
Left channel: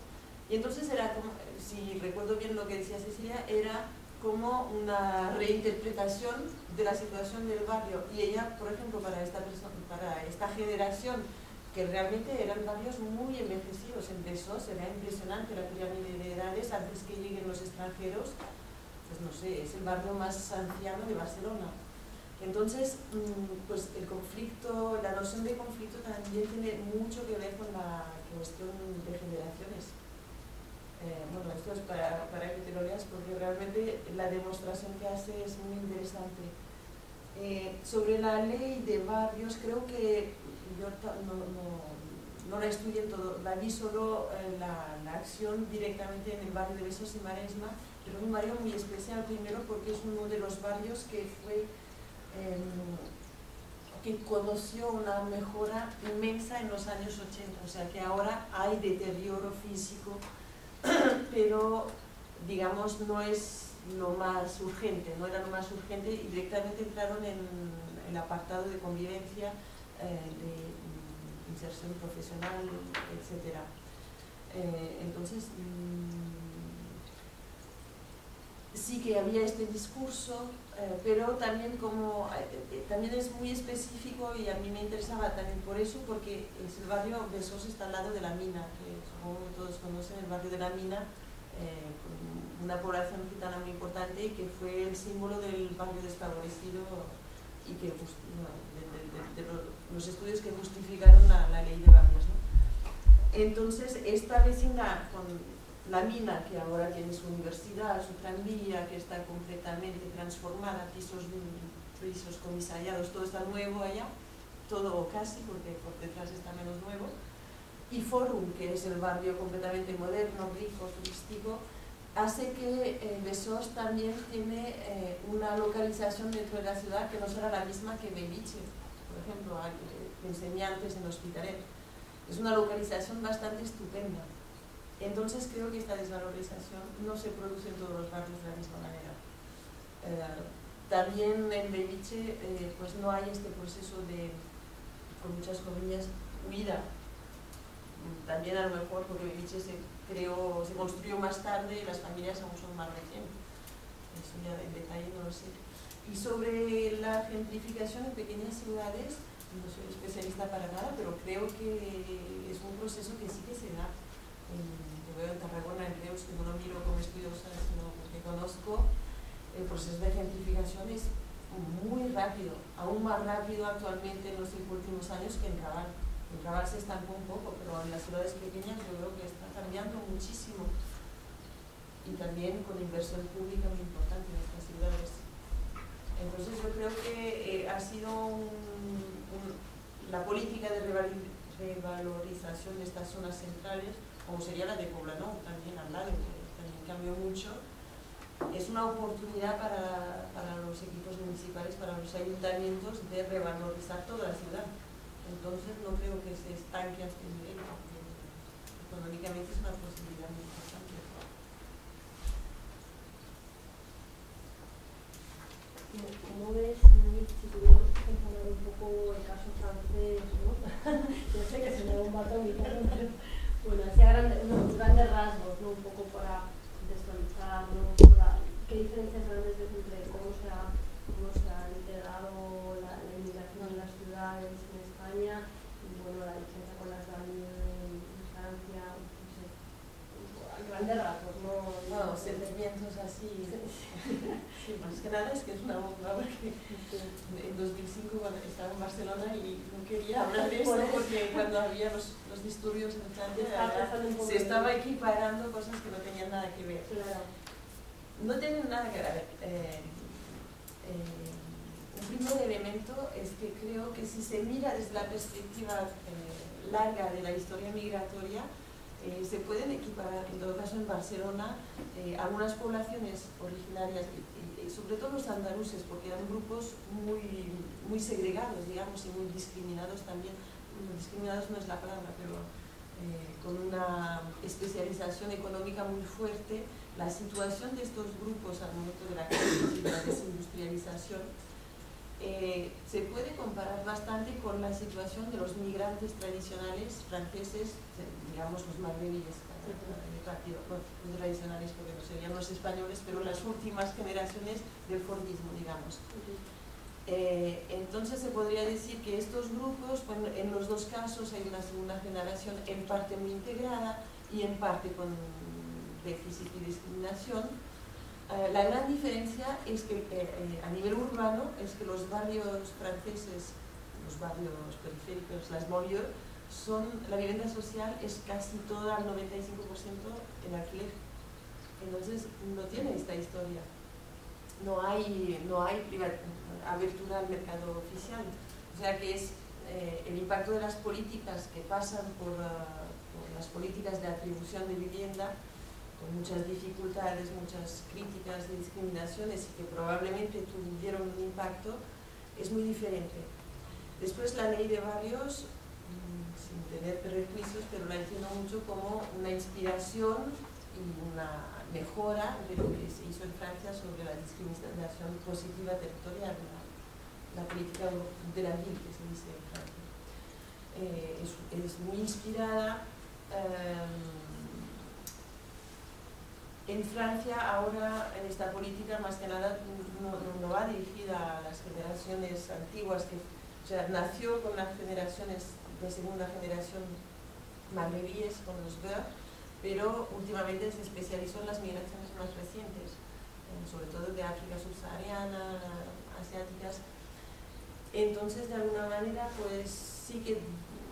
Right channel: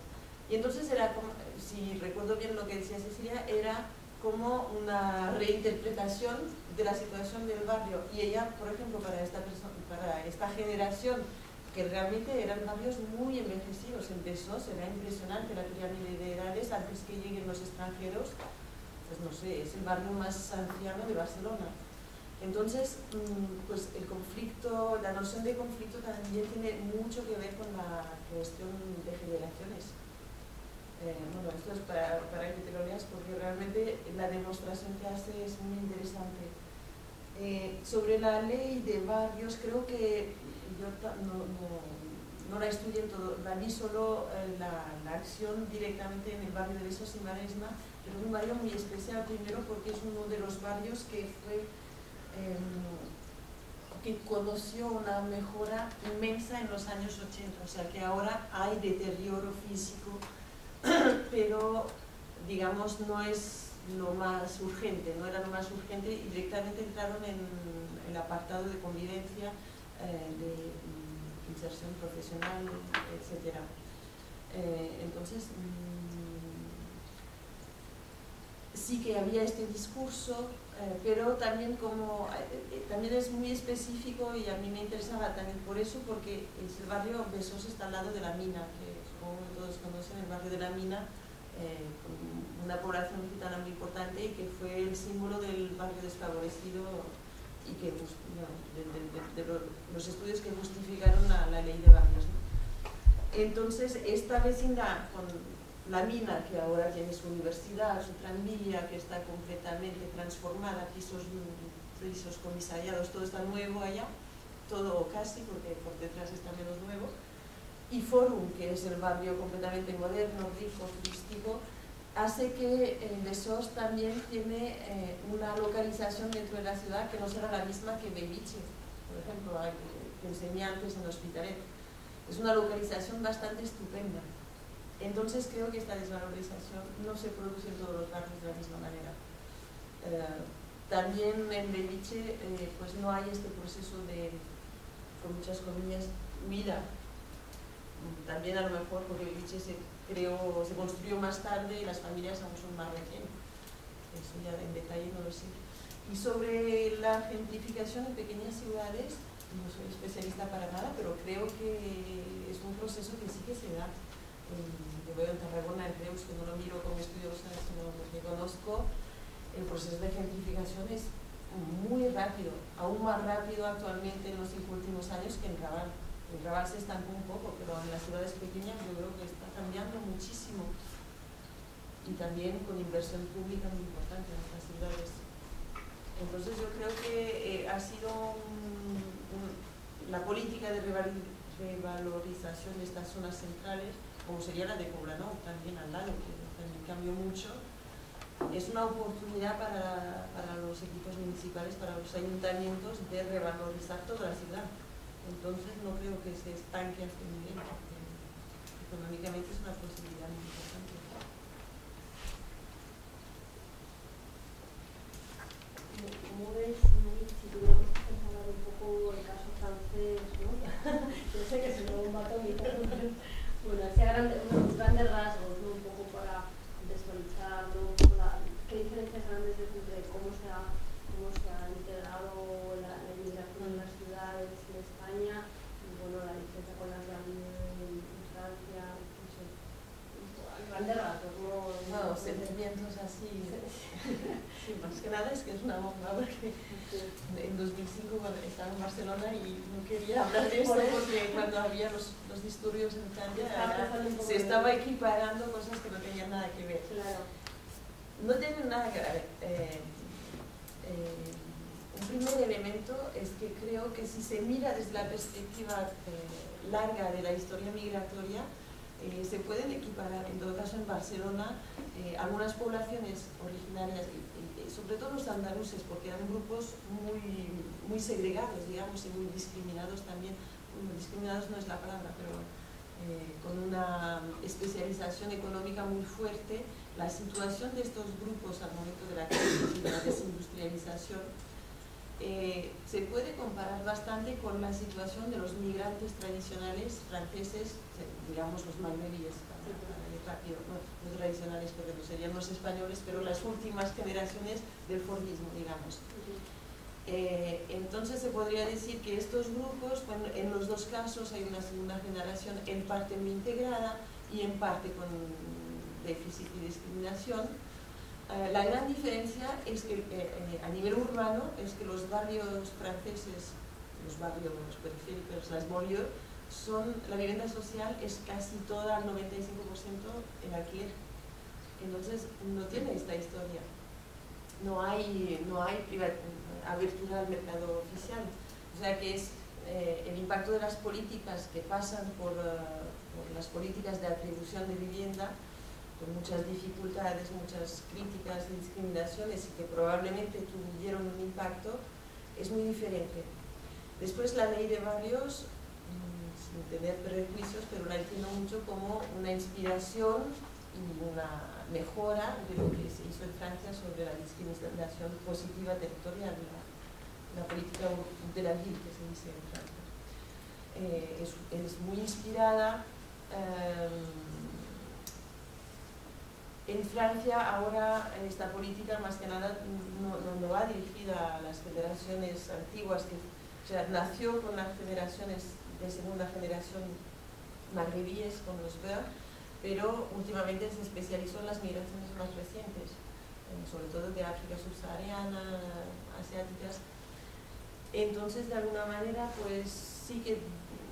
Y entonces era como, si recuerdo bien lo que decía Cecilia, era como una reinterpretación de la situación del barrio. Y ella, por ejemplo, para esta generación, que realmente eran barrios muy envejecidos, empezó, será impresionante la pirámide de edades antes que lleguen los extranjeros, pues no sé, es el barrio más anciano de Barcelona. Entonces, pues el conflicto, la noción de conflicto también tiene mucho que ver con la cuestión de generaciones. Bueno, esto es para que te lo leas porque realmente la demostración que hace es muy interesante. Sobre la ley de barrios, creo que yo no la estudié en todo, la vi solo la acción directamente en el barrio de Besos y Maresma, pero es un barrio muy especial, primero porque es uno de los barrios que que conoció una mejora inmensa en los años 80, o sea que ahora hay deterioro físico, pero digamos no es lo más urgente, no era lo más urgente y directamente entraron en el apartado de convivencia, de inserción profesional, etc. Entonces, sí que había este discurso, pero también también es muy específico y a mí me interesaba también por eso, porque es el barrio Besós está al lado de la mina, que supongo que todos conocen el barrio de la mina, con una población gitana muy importante y que fue el símbolo del barrio desfavorecido y que de los estudios que justificaron la ley de barrios, ¿no? Entonces esta vecindad la mina, que ahora tiene su universidad, su tranvía, que está completamente transformada, pisos comisariados, todo está nuevo allá, todo casi, porque por detrás está menos nuevo. Y Forum, que es el barrio completamente moderno, rico, turístico, hace que Besós también tiene una localización dentro de la ciudad que no será la misma que Belviche, por ejemplo, que enseñé antes en Hospitalet. Es una localización bastante estupenda. Entonces creo que esta desvalorización no se produce en todos los barrios de la misma manera. También en Belviche pues no hay este proceso de, con muchas comillas, huida. También a lo mejor porque Belviche se construyó más tarde y las familias aún son más recientes. Eso ya en detalle no lo sé. Y sobre la gentrificación en pequeñas ciudades, no soy especialista para nada, pero creo que es un proceso que sí que se da. Yo veo en Tarragona, en Reus, que no lo miro como estudiosa, sino que conozco, el proceso de gentrificación es muy rápido, aún más rápido actualmente en los últimos años que en Raval. En Raval se estancó un poco, pero en las ciudades pequeñas yo creo que está cambiando muchísimo. Y también con inversión pública muy importante en estas ciudades. Entonces yo creo que ha sido la política de revalorización de estas zonas centrales, como sería la de Poblenou, también al lado, que también cambió mucho, es una oportunidad para los equipos municipales, para los ayuntamientos, de revalorizar toda la ciudad. Entonces no creo que se estanque a este nivel, porque económicamente es una posibilidad muy importante. ¿Cómo ves, si tuviéramos que comparar un poco el caso francés, ¿no? Yo sé que se me da un batón y tal, pero bueno, hacia unos grandes rasgos, ¿no? Un poco para contextualizar, ¿no? ¿Qué diferencias grandes ves entre cómo se ha integrado la inmigración en las ciudades en España y bueno, la diferencia con las banlieues en Francia, no sé, a grandes rasgos, ¿no? No, sentimientos así. Sí, más que nada es que es una bomba, porque en 2005 cuando estaba en Barcelona y no quería hablar de esto porque cuando había los disturbios en Francia se estaba equiparando cosas que no tenían nada que ver. Claro. No tienen nada que ver. Un primer elemento es que creo que si se mira desde la perspectiva larga de la historia migratoria, se pueden equiparar, en todo caso en Barcelona, algunas poblaciones originarias, y sobre todo los andaluces, porque eran grupos muy segregados, digamos, y muy discriminados también. Bueno, discriminados no es la palabra, pero con una especialización económica muy fuerte. La situación de estos grupos al momento de la crisis y de la desindustrialización se puede comparar bastante con la situación de los migrantes tradicionales franceses, digamos los magrebíes, para ir rápido, no los tradicionales porque no serían los españoles, pero las últimas generaciones del fordismo, digamos. Entonces se podría decir que estos grupos, bueno, en los dos casos hay una segunda generación en parte muy integrada y en parte con déficit y discriminación. La gran diferencia es que a nivel urbano es que los barrios franceses, los barrios periféricos, las banlieues, la vivienda social es casi toda, al 95% en alquiler. Entonces no tiene esta historia. No hay abertura al mercado oficial. O sea que es el impacto de las políticas que pasan por las políticas de atribución de vivienda, con muchas dificultades, muchas críticas y discriminaciones, y que probablemente tuvieron un impacto, es muy diferente. Después la ley de barrios, sin tener prejuicios, pero la entiendo mucho como una inspiración y una mejora de lo que se hizo en Francia sobre la discriminación positiva territorial, la política de la ville, que se dice en Francia. Es muy inspirada. En Francia ahora esta política más que nada no va dirigida a las generaciones antiguas, o sea, nació con las generaciones de segunda generación magrebíes, con los Verts, pero últimamente se especializó en las migraciones más recientes, sobre todo de África subsahariana, asiáticas. Entonces, de alguna manera, pues sí que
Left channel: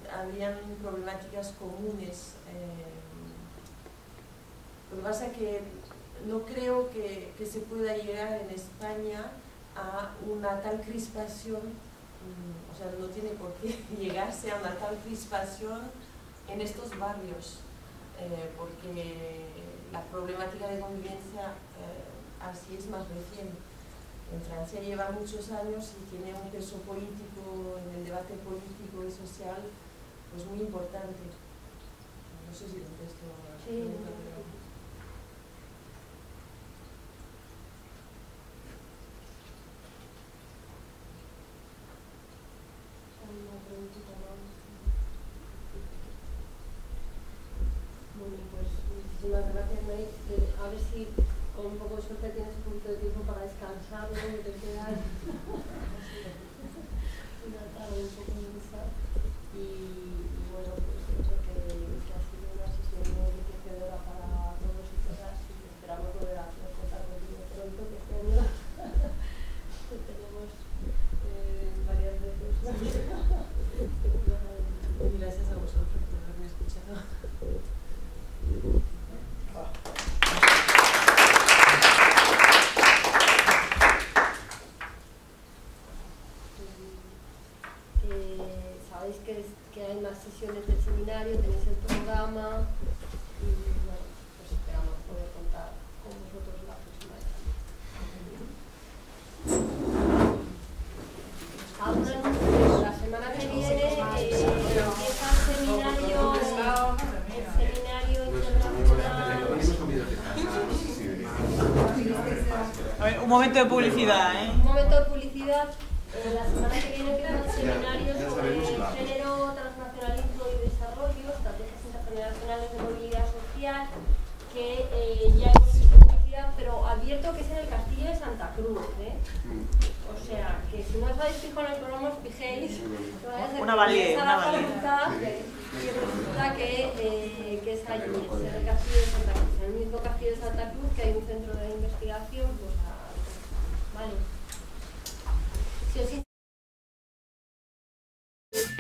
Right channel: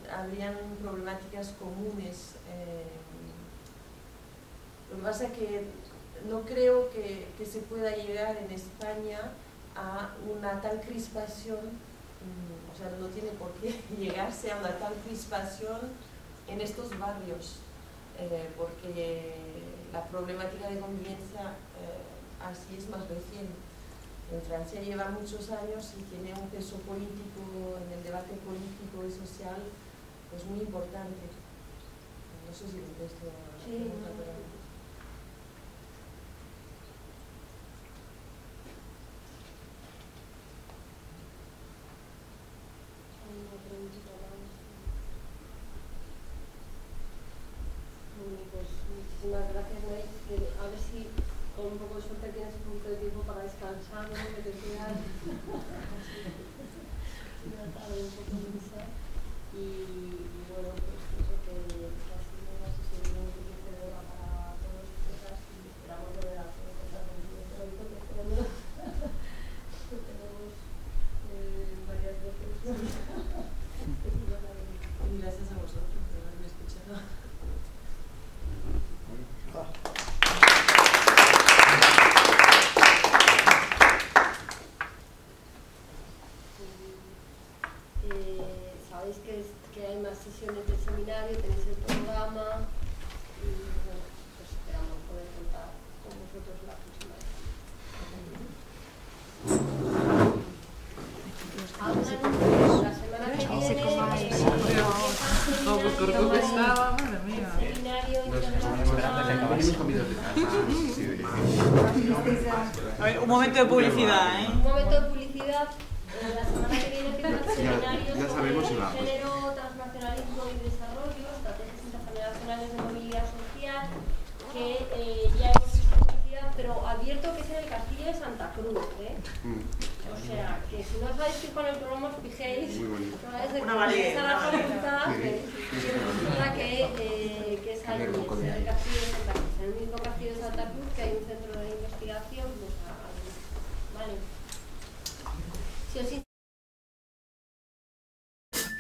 habrían problemáticas comunes. Lo que pasa es que no creo que se pueda llegar en España a una tal crispación, o sea, no tiene por qué llegarse a una tal crispación en estos barrios, porque la problemática de convivencia así es más reciente. En Francia lleva muchos años y tiene un peso político en el debate político y social pues muy importante. No sé si contesto a la pregunta, pero... Una preguntita más. Bueno, pues muchísimas gracias, Mary. A ver si con un poco de suerte tienes un poquito de tiempo para descansar, ¿no? Que te queda una tarde un poco densa. Y bueno, pues eso que ha sido una sesión muy enriquecedora para todos y todas, y esperamos volver a contar contigo pronto, que este año lo tenemos varias veces. Y gracias a vosotros por haberme escuchado. Sabéis que hay más sesiones del seminario, tenéis el programa y bueno, pues esperamos poder contar con vosotros la próxima vez. La semana que viene empieza el seminario internacional. A ver, un momento de publicidad, ¿eh? Un momento de publicidad. La semana que viene empieza el seminario sobre género, transnacionalismo y desarrollo, estrategias intergeneracionales de movilidad social, que ya hemos visto publicidad, pero advierto que es en el Castillo de Santa Cruz, ¿eh? O sea, que si no os habéis fijado en el programa, os fijéis, Una valía, una valía. que resulta que es allí, en el Castillo de Santa Cruz, en el mismo Castillo de Santa Cruz, que hay un centro de investigación, pues vale.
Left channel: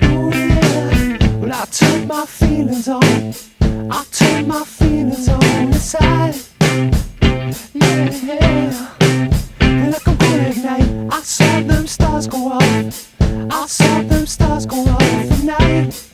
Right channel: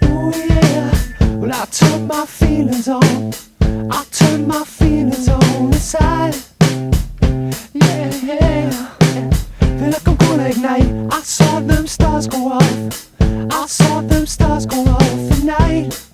Oh yeah, well I turned my feelings on. I turned my feelings on the side. Yeah, yeah. Feel like I'm gonna ignite. I saw them stars go off. I saw them stars go off at night.